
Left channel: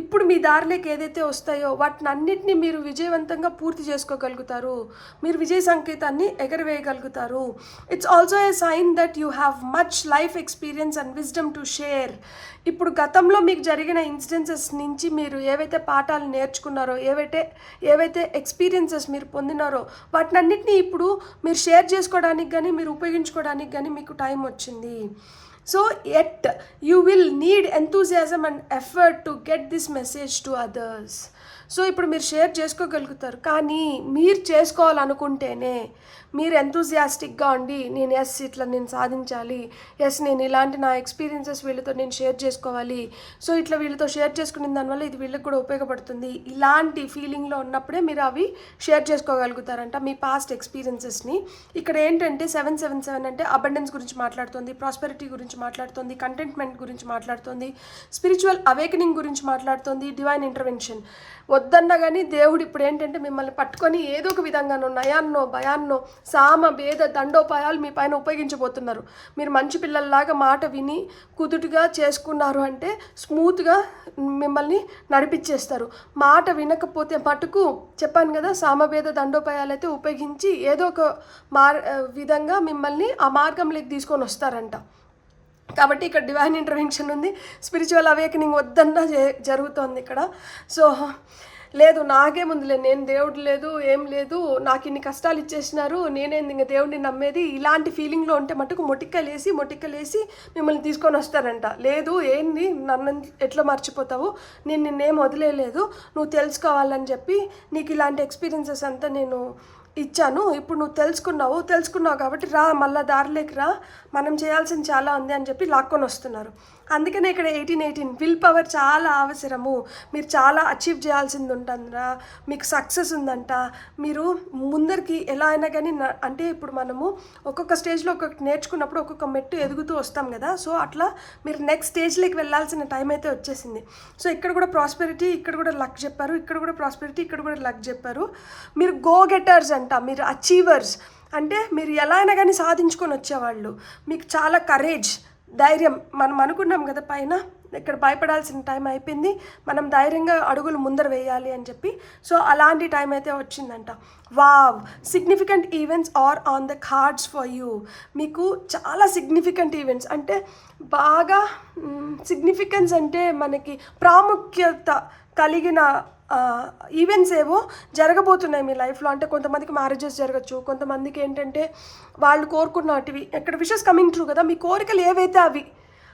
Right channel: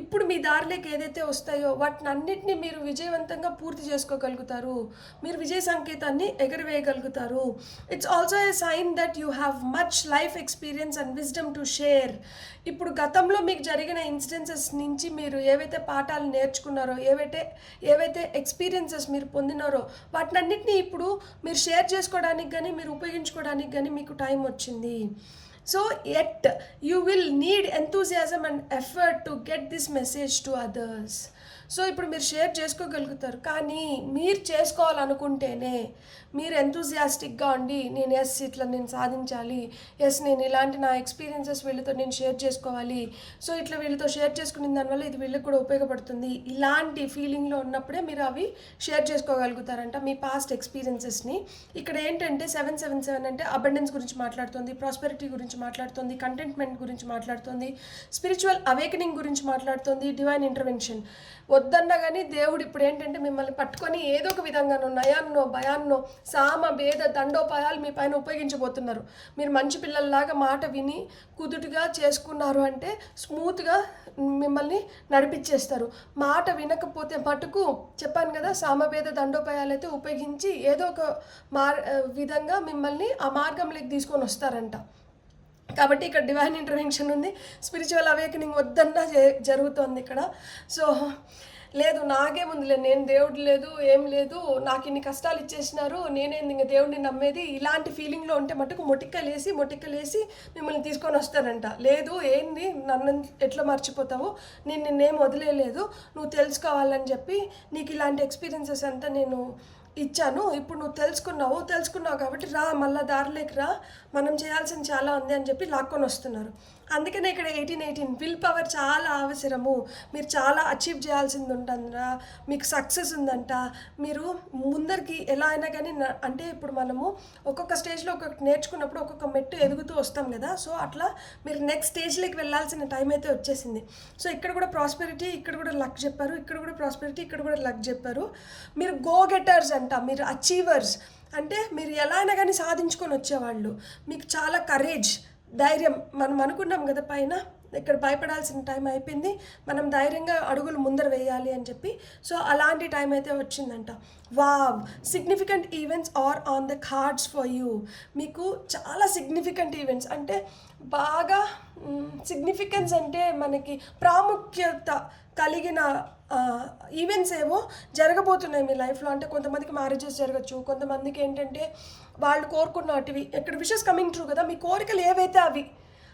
ఇప్పుడు మీ దారిలోకి ఏదైతే వస్తాయో వాటిని అన్నిటినీ మీరు విజయవంతంగా పూర్తి చేసుకోగలుగుతారు. మీరు విజయ సంకేతాన్ని ఎగరవేయగలుగుతారు. It's also a sign that you have much life experience and wisdom to share. ఇప్పుడు గతంలో మీకు జరిగిన ఇన్సిడెన్సెస్ నుంచి మీరు ఏవైతే పాఠాలు నేర్చుకున్నారో, ఏవైతే ఎక్స్పీరియన్సెస్ మీరు పొందినారో వాటినన్నిటినీ ఇప్పుడు మీరు షేర్ చేసుకోవడానికి కానీ మీరు ఉపయోగించుకోవడానికి కానీ మీకు టైం వచ్చింది. So at you will need enthusiasm and effort to get this message to others. So ఇప్పుడు మీరు షేర్ చేసుకోగలుగుతారు, కానీ మీరు చేసుకోవాలనుకుంటేనే మీరు ఎంతూజియాస్టిక్గా ఉండి నేను ఇట్లా నేను సాధించాలి, నేను ఇలాంటి నా ఎక్స్పీరియన్సెస్ వీళ్ళతో నేను షేర్ చేసుకోవాలి, సో ఇట్లా వీళ్ళతో షేర్ చేసుకునే దానివల్ల ఇది వీళ్ళకి కూడా ఉపయోగపడుతుంది, ఇలాంటి ఫీలింగ్లో ఉన్నప్పుడే మీరు అవి షేర్ చేసుకోగలుగుతారంట మీ పాస్ట్ ఎక్స్పీరియన్సెస్ని. ఇక్కడ ఏంటంటే 777 అంటే అబండెన్స్ గురించి మాట్లాడుతుంది, ప్రాస్పెరిటీ గురించి మాట్లాడుతుంది, కంటెంట్మెంట్ గురించి మాట్లాడుతుంది, స్పిరిచువల్ అవేకనింగ్ గురించి మాట్లాడుతుంది, డివైన్ ఇంటర్వెన్షన్. వద్దన్నా కానీ దేవుడు ఇప్పుడు ఏంటంటే మిమ్మల్ని పట్టుకొని ఏదో ఒక విధంగానో నయాన్నో భయాన్నో సామ భేద దండోపాయాలు మీ పైన ఉపయోగించబోతున్నారు. మీరు మంచి పిల్లల్లాగా మాట విని కుదుటుగా చేసుకున్నారు అంటే స్మూత్గా మిమ్మల్ని నడిపించేస్తారు. మాట వినకపోతే మటుకు చెప్పాను కదా, సామభేద దండోపాయాలు అయితే ఉపయోగించి ఏదో ఒక విధంగా మిమ్మల్ని ఆ మార్గంలోకి తీసుకొని వస్తారంట. కాబట్టి ఇక్కడ డివైన్ ఇంటర్వెన్షన్ ఉంది, స్పిరిచువల్ అవేకనింగ్ వద్దన్నా జరుగుతోంది ఇక్కడ. సో లేదు నాకేముందిలే, నేను దేవుడు లేదు ఏం లేదు, నాకు ఇన్ని కష్టాలు ఇచ్చేసినారు, నేనేంది ఇంకా దేవుడిని నమ్మేది, ఇలాంటి ఫీలింగ్లో ఉంటే మటుకు మొటిక్కలేసి మిమ్మల్ని తీసుకొని వస్తారంట. లేదు ఏంది నన్ను ఎట్లా మర్చిపోతావు, నిన్నేం వదిలేదు, నువ్వు తెలుసుకోవాలని చెప్పి నీకు ఇలాంటి ఎక్స్పీరియన్సెస్ అంతా నేను ఇచ్చాను, ఇప్పుడు నువ్వు తెలుసుకున్నావు కాబట్టి రా, మళ్ళీ దారిలోకి రా, మనం చేయాల్సింది చాలా ఉంది అని చెప్పి లాక్కొని వస్తున్నారు. అందుకనే ఇక్కడ 18 విల్ పవర్ చాలా అవసరము. మీరు చాలా అచీవ్ చేయాల్సింది ఉంటుందా, మీకు సక్సెస్ ఉందంట, మీరు ముందరికి ఎలా అయినా కానీ అంటే ఇప్పుడు మనము ఒక్కొక్క స్టేజ్లో ఒక్కొక్కటి నేర్చుకున్నప్పుడు ఒక్కొక్క మెట్టు ఎదుగుతూ వస్తాం కదా. సో అట్లా మీరు నెక్స్ట్ స్టేజ్లోకి వెళ్ళాల్సిన టైం అయితే వచ్చేసింది. సో ఇక్కడ కూడా ప్రాస్పెరిటీ, ఇక్కడ కూడా లక్ చెప్పారు, ఇక్కడ కూడా ప్రాస్పెరిటీ, ఇక్కడ కూడా లక్ చెప్పారు. మీరు గో గెటర్స్ అంట, మీరు అచీవర్స్ అంటే మీరు ఎలా అయినా కానీ సాధించుకొని వచ్చేవాళ్ళు. మీకు చాలా కరేజ్, ధైర్యం. మనం అనుకున్నాం కదా పైన, ఇక్కడ భయపడాల్సిన టైం అయిపోయింది, మనం ధైర్యంగా అడుగులు ముందర వేయాలి అని చెప్పి. సో అలాంటి టైం అయితే వచ్చిందంట. Wow, significant events are on the cards for you. మీకు చాలా సిగ్నిఫికెంట్ ఈవెంట్స్ అంటే బాగా సిగ్నిఫికెన్స్ అంటే మనకి ప్రాముఖ్యత కలిగిన ఈవెంట్స్ ఏవో జరగబోతున్నాయి మీ లైఫ్లో. అంటే కొంతమందికి మ్యారేజెస్ జరగచ్చు, కొంతమందికి ఏంటంటే వాళ్ళు కోరుకున్నటివి ఇక్కడ విషెస్ కమింగ్ ట్రూ కదా. మీ కోరికలు ఏవైతే అవి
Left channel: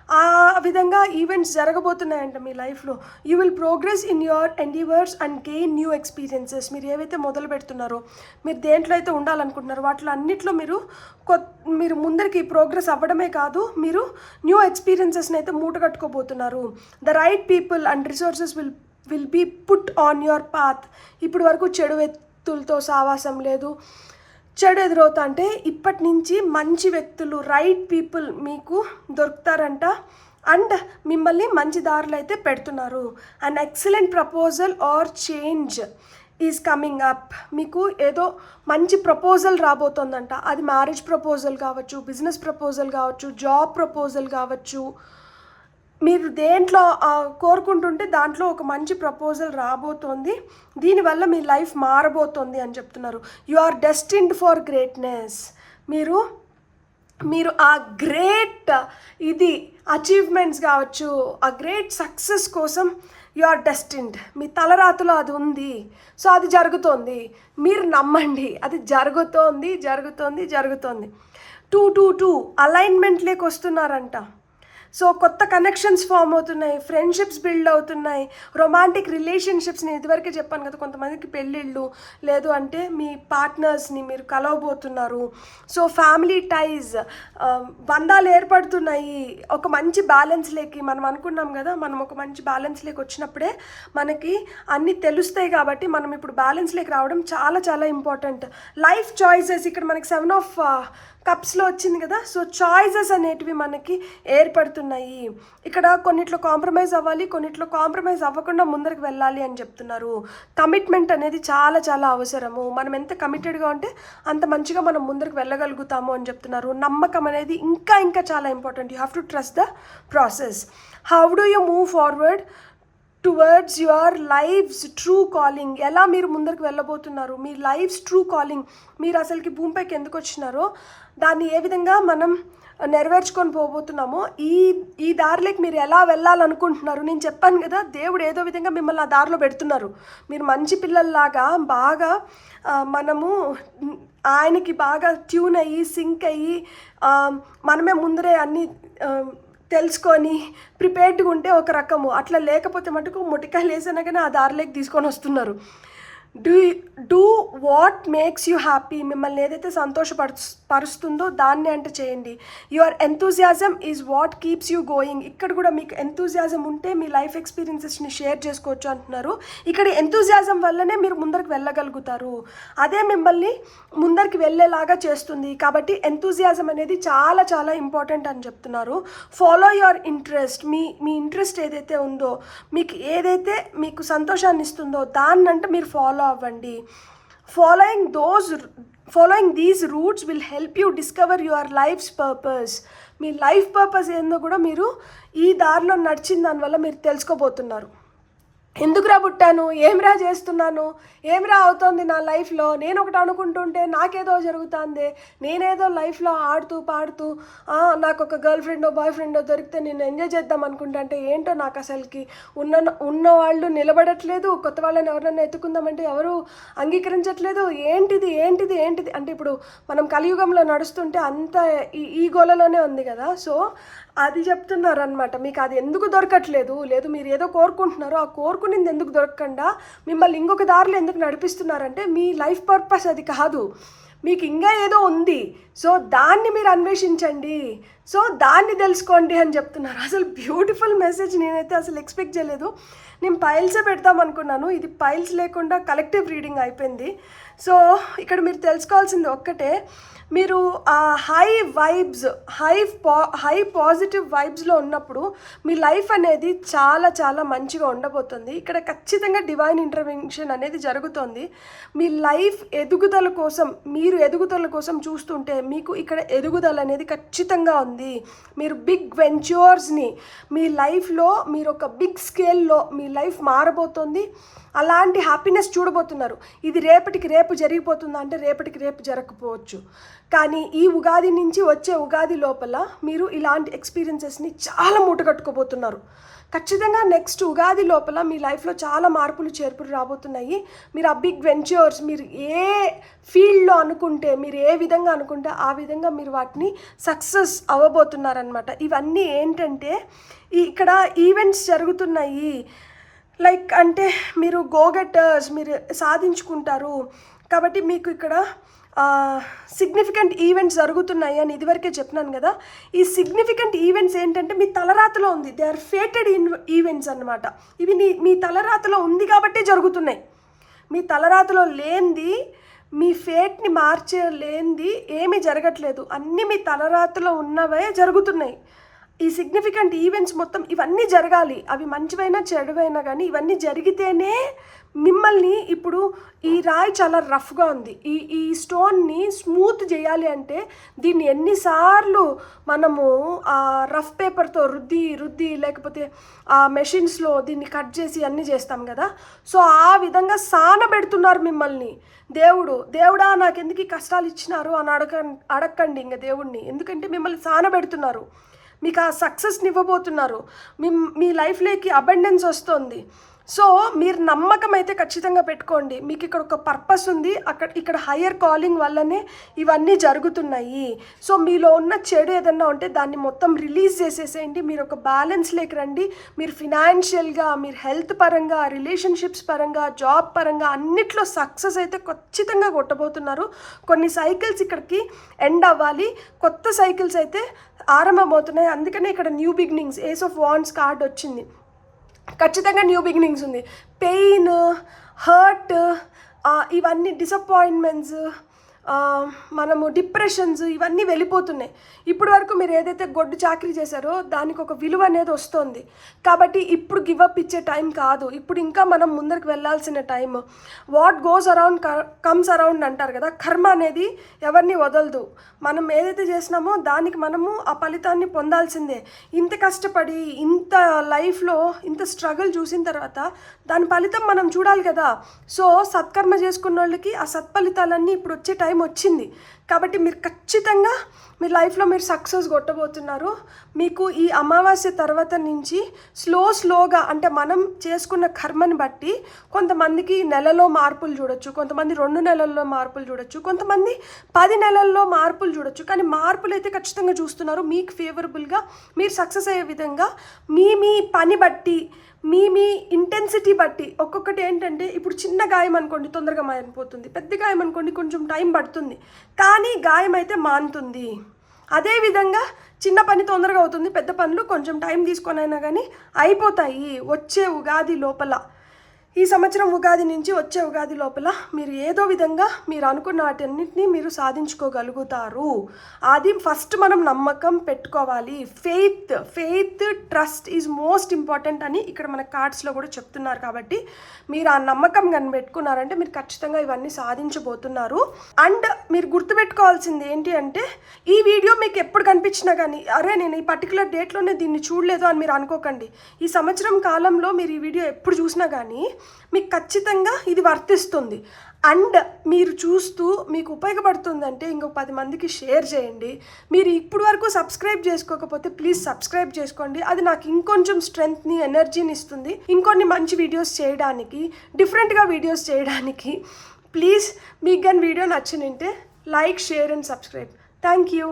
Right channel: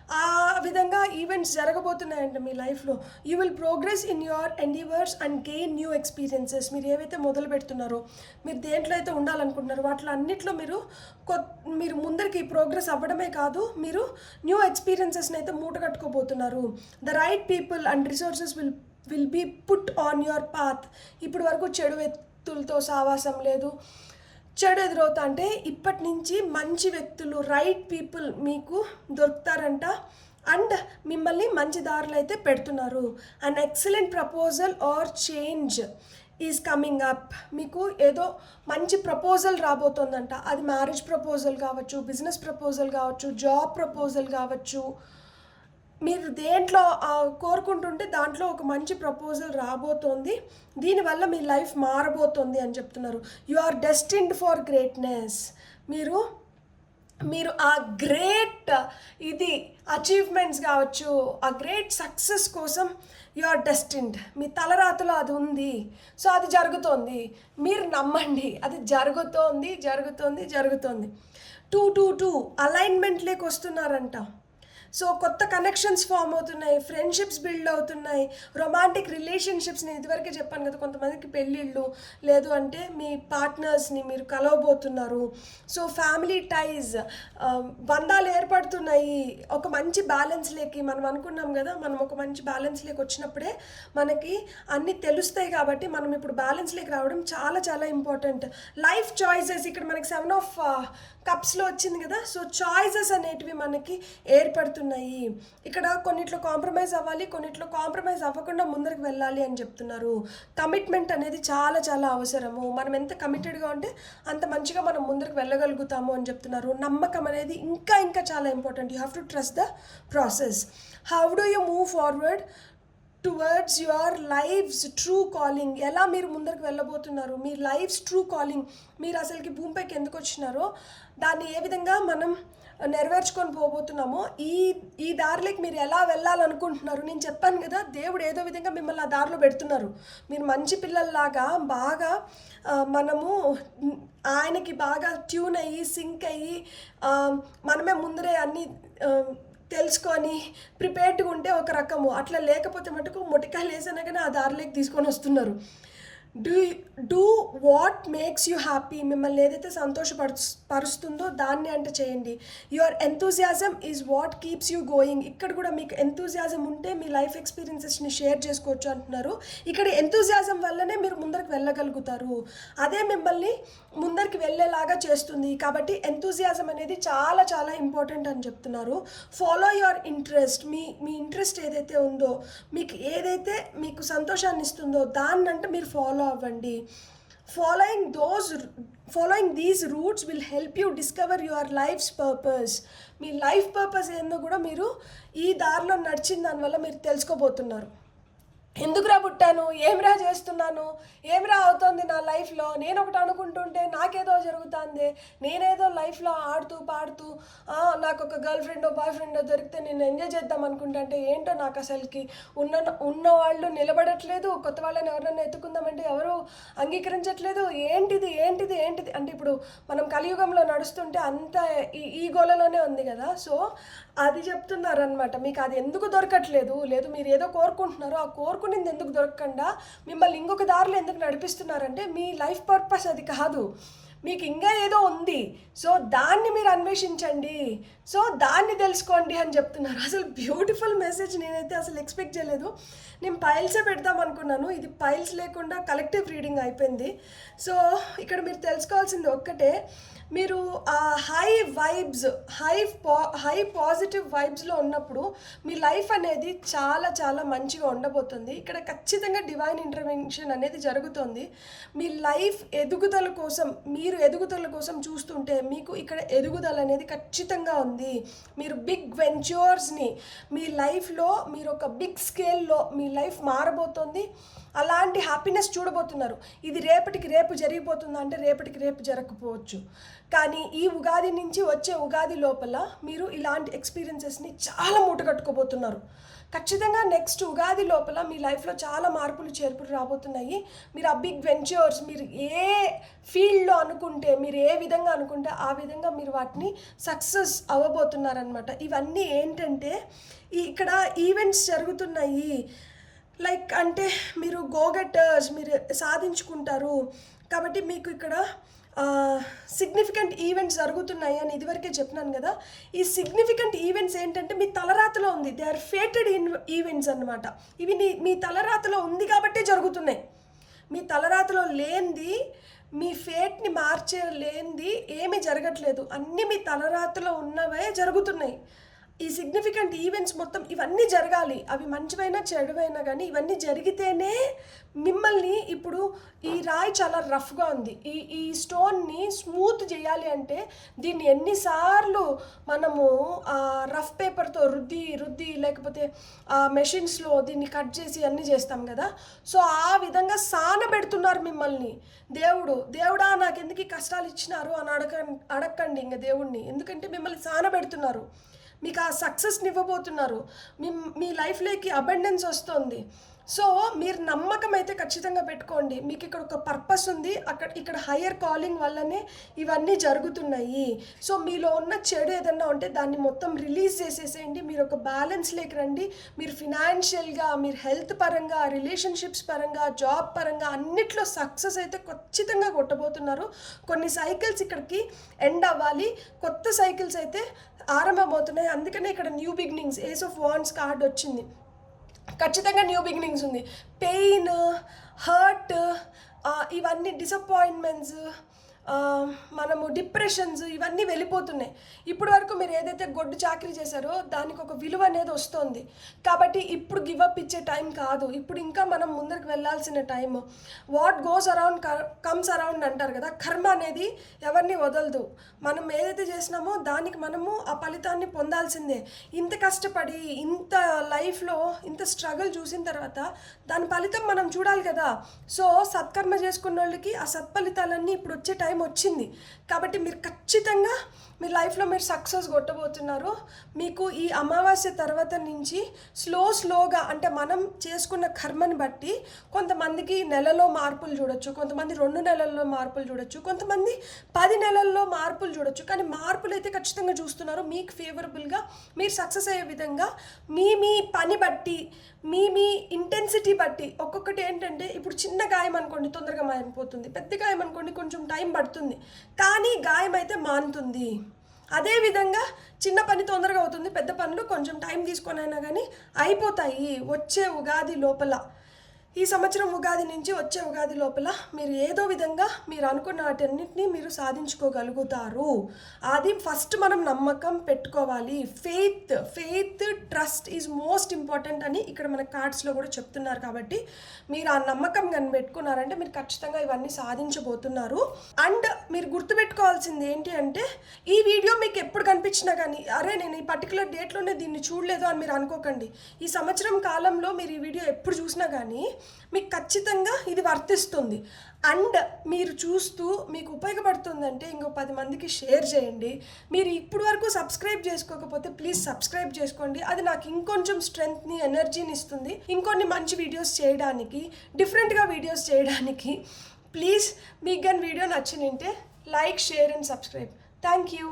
ఆ విధంగా ఈవెంట్స్ జరగబోతున్నాయంట మీ లైఫ్లో. You will progress in your endeavours and gain new experiences. మీరు ఏవైతే మొదలు పెడుతున్నారో, మీరు దేంట్లో అయితే ఉండాలనుకుంటున్నారో వాటిలో అన్నిట్లో మీరు ముందరికి ప్రోగ్రెస్ అవ్వడమే కాదు, మీరు న్యూ ఎక్స్పీరియన్సెస్ని అయితే మూట కట్టుకోబోతున్నారు. The right people and resources will be put on your path. ఇప్పుడు వరకు చెడు వ్యక్తులతో సావాసం లేదు, చెడు ఎదురవుతా అంటే ఇప్పటి నుంచి మంచి వ్యక్తులు, రైట్ పీపుల్ మీకు దొరుకుతారంట. అండ్ మిమ్మల్ని మంచి దారులు అయితే పెడుతున్నారు. An excellent proposal or change is coming up. మీకు ఏదో మంచి ప్రపోజల్ రాబోతోందంట. అది మ్యారేజ్ ప్రపోజల్ కావచ్చు, బిజినెస్ ప్రపోజల్ కావచ్చు, జాబ్ ప్రపోజల్ కావచ్చు. మీరు దేంట్లో కోరుకుంటుంటే దాంట్లో ఒక మంచి ప్రపోజల్ రాబోతోంది. దీనివల్ల మీ లైఫ్ మారబోతోంది అని చెప్తున్నారు. You are destined for greatness. మీరు ఆ గ్రేట్ ఇది అచీవ్మెంట్స్ కావచ్చు, ఆ గ్రేట్ సక్సెస్ కోసం యు ఆర్ డెస్టిన్డ్. మీ తలరాతలో అది ఉంది. సో అది జరుగుతోంది, మీరు నమ్మండి. అది జరుగుతోంది. 2 అలైన్మెంట్లోకి వస్తున్నారంట. సో కొత్త కనెక్షన్స్ ఫామ్ అవుతున్నాయి, ఫ్రెండ్షిప్స్ బిల్డ్ అవుతున్నాయి, రొమాంటిక్ రిలేషన్షిప్స్. నేను ఇదివరకే చెప్పాను కదా, కొంతమందికి పెళ్ళిళ్ళు, లేదు అంటే మీ పార్ట్నర్స్ని మీరు కలవబోతున్నారు. సో ఫ్యామిలీ టైజ్, బంధాలు ఏర్పడుతున్నాయి. ఒక మంచి బ్యాలెన్స్లోకి మనం అనుకున్నాం కదా, మనం ఒక మంచి బ్యాలెన్స్లోకి వచ్చినప్పుడే మనకి అన్నీ తెలుస్తాయి. కాబట్టి మనం ఇప్పుడు బ్యాలెన్స్లోకి రావడం చాలా చాలా ఇంపార్టెంట్. లైఫ్ చాయిసెస్, ఇక్కడ మనకి 7 of కప్స్లో వచ్చింది కదా. సో చాయిసెస్ అనేటివి మనకి ఏర్పడుతున్నాయి. ఇక్కడ కొన్నిట్లో కాంప్రమైజ్ అవ్వాలి, కొన్నిట్లో కాంప్రమైజ్ అవ్వకుండా ముందరికి వెళ్ళాలి అని చెప్తున్నారు. కమిట్మెంట్ అనేది చాలా చాలా అవసరము. మనం ఎంత కమిటెడ్గా ఉంటే అంత మంచిగా మనం ముందరికి వెళ్ళగలుగుతాము అని చెప్తున్నారు. నమ్మకం అనేది ఇంకా ఇంకా చాలా important. You have to trust the process. How do you move forward towards your life's true calling. ఎలా మీరు ముందరికి వెళ్ళబోతున్నారు, మీ లైఫ్స్ ట్రూ కాలింగ్, మీరు అసలుకి భూమిపైకి ఎందుకు వచ్చినారో దాన్ని ఏ విధంగా మనం నెరవేర్చుకొని పోబోతున్నామో, ఈ దారిలోకి మీరు ఎలా వెళ్ళాలనుకుంటున్నారు. నేను చెప్పాను కదా, దేవుడు ఏదో విధంగా మిమ్మల్ని ఆ దారిలో పెడుతున్నారు. మీరు మంచి పిల్లల్లాగా బాగా మనము ఆయనకి బాగా ట్యూన్ అయ్యి సింక్ అయ్యి మనమే ముందరే అన్నీ తెలుసుకొని ప్రిపేర్డ్గా ఉంటే ఒక రకము, అట్లా లేకపోతే మటుకు మొటికాయలు వేసినా కానీ ఆ దారిలోకి తీసుకొని వస్తున్నారు. Do what makes you happy. మిమ్మల్ని ఏదైతే సంతోషపరుస్తుందో దాన్ని అంటే చేయండి. Your enthusiasm is what keeps you going. ఇక్కడ కూడా మీకు ఎంతూజియాజం ఉంటే మీ లైఫ్ ఎక్స్పీరియన్సెస్ని షేర్ చేసుకోవచ్చు అంటున్నారు. ఇక్కడ ఎంతూజియాజం వల్లనే మీరు ముందరికి వెళ్ళగలుగుతారు, అదే మిమ్మల్ని ముందరికి వెళ్ళేలాగా చేస్తుంది. కాబట్టి ఎంతూజియాజం అనేది చాలా చాలా ఇంపార్టెంట్ అని చెప్తున్నారు. Follow your interest. Me interest ఏదైతే ఉందో, మీకు ఏదైతే మీకు సంతోషాన్ని ఇస్తుందో దాన్నంటే మీరు ఫాలో అవ్వండి. Following these routes will help you discover your life's purpose. మీ లైఫ్ పర్పస్ ఏందో కూడా మీరు ఈ దారిలో నడిచిన దానివల్ల మీరు తెలుసుకోబోతున్నారు. ఎందుకురా పుట్టాను, ఏమిరా చేస్తున్నాను, ఏమిరా అవుతోంది నా లైఫ్లో, నేను ఒకటి అనుకుంటుంటే నాకేదో జరుగుతుంది, నేనేదో లైఫ్లో ఆడుతూ పాడుతూ నాకు ఒక గర్ల్ ఫ్రెండో బాయ్ ఫ్రెండో దొరికితే నేను ఎంజాయ్ చేద్దాం అనుకుంటే ఏంటో నాకు అసలుకి ఉన్న వాళ్ళు నిలబడట్లేదు, కొత్త వాళ్ళని ఎవరినైనా ఎత్తుకుందామంటే ఎవరు అంగీకరించట్లేదు. ఏంటిది అంటే ఇప్పుడు మనం కలియుగంలో నడుస్తుంటే అంత ఈ గోలలోనే ఉంది కదా. సో అది చెప్తున్నారనమాట. మీకు అది ఎందుకు దొరకట్లేదు, లేదు మీరు ఏదో కోరుకుంటున్నారో ఆ అనుకునింది ఎందుకు దొరకకుండా మిమ్మల్ని ఇంకొక దారిలో ఎందుకు నడిపిస్తున్నారంటే మీ లైఫ్ పర్పస్ అది కాదు, మీకు ఇంకా ఏదో ఉంది. సో దాన్ని మీరు అన్వేషించండి, సో దాన్ని తెలుసుకోండి అని చెప్తున్నారు. అసలు బ్యూటిఫుల్ మెసేజ్. నేనైతే అసలు ఎక్స్పెక్ట్ చేయలేదు. నేను పైల్సే పెడతాం అనుకున్నాను, ఇది పైల్స్ లేకుండా కలెక్టివ్ రీడింగ్ అయిపోయింది. సో ఇక్కడ మీరు తెలుసుకోవాల్సింది ఒక్కటే, మీరు ఆ హై వైబ్స్, హై పాజిటివ్ వైబ్స్లో ఉన్నప్పుడు మీ లైఫ్ అనేది చాలా చాలా మంచిగా ఉండబోతుంది. ఇక్కడ ఖచ్చితంగా డివైన్ ఇంటర్వెన్షన్ అనేది జరుగుతుంది. మీ లైఫ్ ఎదుగుదల కోసం, మీరు ఎదుగుదల కోసం చూస్తుంటే మీకు ఇక్కడ ఎదుగుదల అనేది ఖచ్చితంగా ఉంది. మీరు బిగ్ వెంచర్స్ని మీ లైఫ్లో, మీరు ఒక బిగ్ స్కేల్లో మీ లైఫ్ మారబోతుంది. అలాంటి హ్యాపీనెస్ చూడబోతున్నారు. ఇది రేపటికి రేపు జరిగిపోతుందా అంటే రేపటికి రేపు జరగకపోవచ్చు, కానీ ఈ ఉగాది నుంచి వచ్చే ఉగాది లోపల మీరు ఇలాంటి ఎక్స్పీరియన్సెస్ని చాలా మూటగట్టుకోబోతున్నారు. ఖచ్చితంగా నెక్స్ట్ ఉగాది లోపల మీ లైఫ్లో చాలా మార్పులు చేర్పులు రాబోతున్నాయి. మీరు ఆ బిగ్ వెంచర్స్, మీరు ఏ ఫీల్డ్లో అనుకుంటే, మీరు ఏ విధంగా అనుకుంటే ఆ విధంగా మీరు వాటిని సక్సెస్ అవ్వబోతున్నారనమాట. ఇవన్నీ ఏంటంటే ఇక్కడ ఈవెంట్స్ జరుగుతున్నాయి. లైక్ అంటే మీరు గోగెటర్స్, మీరు సాధించుకుంటారు కాబట్టి మీకు ఇక్కడ సిగ్నిఫికెంట్ ఈవెంట్స్ జరుగుతున్నాయి అని ఇదివరకే చెప్పినాను కదా. ఈ సిగ్నిఫికెంట్ ఈవెంట్స్ ఏంటంటే మీ తలరాతలో ఉంది. దే ఆర్ ఫేటెడ్ ఈవెంట్స్ అన్నమాట. ఇవి మీ తలరాతలో ఉంది కాబట్టి జరుగుతున్నాయి. మీ తలరాతలో లేనిది, మీ ఫేట్ని మార్చలేనిది ఏమీ జరగట్లేదు. అన్నీ మీ తలరాతలో ఉన్నవే జరుగుతున్నాయి. ఈ సిగ్నిఫికెంట్ ఈవెంట్స్ మొత్తం ఇవన్నీ జరగాలి. అవి మంచివైనా చెడువైనా కానీ ఇవన్నీ జరిగితేనే మిమ్మల్ని, ఇప్పుడు ఈ రాయి చాలా రఫ్గా ఉంది, ఈ స్టోన్ని స్మూత్ చేయాలి అంటే దీన్ని ఎన్నిసార్లు మనము రఫ్ పేపర్తో రుద్ది లేకపోతే ఆ మెషిన్స్లో దీన్ని కట్ చేసి అన్నీ చేస్తాం కదా. సో ఆ విధంగా సానబెడుతున్నారు మిమ్మల్ని దేవుడా నాకు ఎందుకు ఈ కష్టాలు ఇచ్చినారు అని అడగండి ఇంకా దేవుడిని. ఎందుకంటే మిమ్మల్ని సానబెడుతున్నారు, మీకు ఆ సక్సెస్ని ఇవ్వబోతున్నారు, మీ లైఫ్లోకి అబండెన్స్ వస్తుంది. సో మీరు నమ్మకం అయితే ఖచ్చితంగా పెట్టుకోండి. మీకు ఇక్కడ ఒక పర్పస్ ఉంది, ఇక్కడ హయ్యర్ కాలింగ్ వల్లనే ఇవన్నీ జరుగుతున్నాయి. సో మీలో ఉన్న చెడు ఏదన్నా ఉంటే దాన్ని మొత్తం రిలీజ్ చేసేసేయండి. మీరు ఒక బ్యాలెన్స్లోకి రండి. మీరు ఫినాన్షియల్గా, మీరు హెల్త్ పరంగా, రిలేషన్షిప్స్ పరంగా, జాబ్ పరంగా అన్నిట్లో సక్సెస్ అయితే ఖచ్చితంగా కొట్టబోతున్నారు. కొన్ని సైకిల్స్ ఇక్కడికి ఎండ్ అవ్వాలి, కొత్త సైకిల్స్ అయితే ఆరంభమవుతున్నాయి. అందుకనే ఇక్కడ new beginnings, ace of wands card వచ్చింది. ఖచ్చితంగా న్యూ బిగినింగ్స్ ఉంది. పెయిన్, హర్ట్, ఇవన్నీ డిసప్పాయింట్మెంట్స్, మనము డిప్రెషన్స్ ఇవన్నీ వెళ్ళిపోతున్నాయి. ఇప్పటి వరకు మీరు ఏదైతే గొడ్డు చాకరీ చేశారో దానికి ఒక విలువ అనేది వస్తుంది. కాబట్టి ఇప్పుడు గివప్ ఇచ్చే టైం కాదు, ఇప్పుడు ఇంకా మనం ముందరికి వెళ్ళాల్సిన time. What goes around comes around అంటారు కదా. కర్మ అనేది ఎవరిని వదలదు. మనం ఏదైతే చేసినామో దానికి మనము ఆ ఫలితాన్ని పొందాల్సిందే. ఇంత కష్టపడి, ఇంత లైఫ్లో ఇంత స్ట్రగుల్ చూసిన తర్వాత దాని ఫలితం మనం చూడాలి కదా. సో సత్కర్మ చేసుకున్న వాళ్ళకి ఆ సత్ఫలితాలన్నీ ఇప్పుడు వచ్చే టైం వచ్చింది. కాబట్టి మీరు ఖచ్చితంగా మీ లైఫ్లో మీరు సక్సెస్ కొట్టబోతున్నారు. మీకు ఈ అమావాస్య తర్వాత నుంచి స్లోగా, అంటే మనం చేసుకున్న కర్మని బట్టి కొంతమందికి నెలలో మార్పులు చూడొచ్చు, కొంతమంది 2 నెలల్లో మార్పులు చూడొచ్చు, కొంతమంది 10 నెలల్లో మార్పులు చూడొచ్చు. కానీ మార్పులు అయితే ఖచ్చితంగా చూస్తున్నారు. మీకు ఫేవరబుల్గా మీరు సక్సెస్ అయ్యే విధంగా మీ పని బట్టి, మీ ఇంటెన్సిటీ బట్టి. ఒక్కొక్కటి ఏంటంటే ఇప్పుడు చిన్న గాయం అనుకోండి తొందరగా మానిపోతుంది, పెద్ద గాయం అనుకోండి కొంచెం టైం పడుతుంది, కానీ గాయం అయితే మానుతుంది. అదేవిధంగా చిన్న పని తొందరగా అవుతుంది, పెద్ద పనులు కొంచెం టైం తీసుకొని అయినా కానీ అయిపోతాయి. వచ్చే ఉగాది లోపల, ఈ సంవత్సరం ఉగాది నుంచి వచ్చే ఉగాది లోపల మీరు ఏదో విధంగా మీరు అనుకున్న వాటన్నిటినీ మీరు సాధించుకోగలుగుతారు. అది ఫస్ట్ మనం నమ్మకం పెట్టుకోవాలి. Faith trust is most important అని ఇక్కడ మన కార్డ్స్లో కూడా చెప్తున్నారు. కాబట్టి మీరు ఆ నమ్మకం కానీ పెట్టుకున్నారంటే మీరు ఖచ్చితంగా ఇవన్నీ సాధించబోతున్నారు. అండ్ మీరు గుర్తుపెట్టుకోవాల్సింది ఏంటి అంటే, ఈ వీడియో మీకు ఎప్పుడు కనిపించినా కానీ అరే నేను ఈ పర్టికులర్ డేట్లోనే దీన్ని చూడలేదు అని మీరు అనుకోకండి. ఈ సంవత్సరం కాలంలో మీరు ఈ వీడియో ఎప్పుడు చూసినా కానీ మీకు ఖచ్చితంగా ఇది వర్తిస్తుంది. అండ్ మీరు చూస్తూ మీకు ఉపయోగపడుతుందంటే ఇంకో 10 మందికి షేర్ చేయండి. మీరు ఇప్పుడు వరకు సబ్స్క్రైబ్ చేసుకోకపోతే ప్లీజ్ సబ్స్క్రైబ్ చేసుకోండి. అది నాకు ఇంకొంచెం స్ట్రెంగ్త్ని, ఎనర్జీని ఇస్తుంది ఇంకొన్ని మంచి వీడియోస్ చేయడానికి, డిఫరెంట్గా వీడియోస్ చేయడానికి. ప్లీజ్ మీకు కానీ వీడియో నచ్చినంటే like, share and subscribe. Thank you.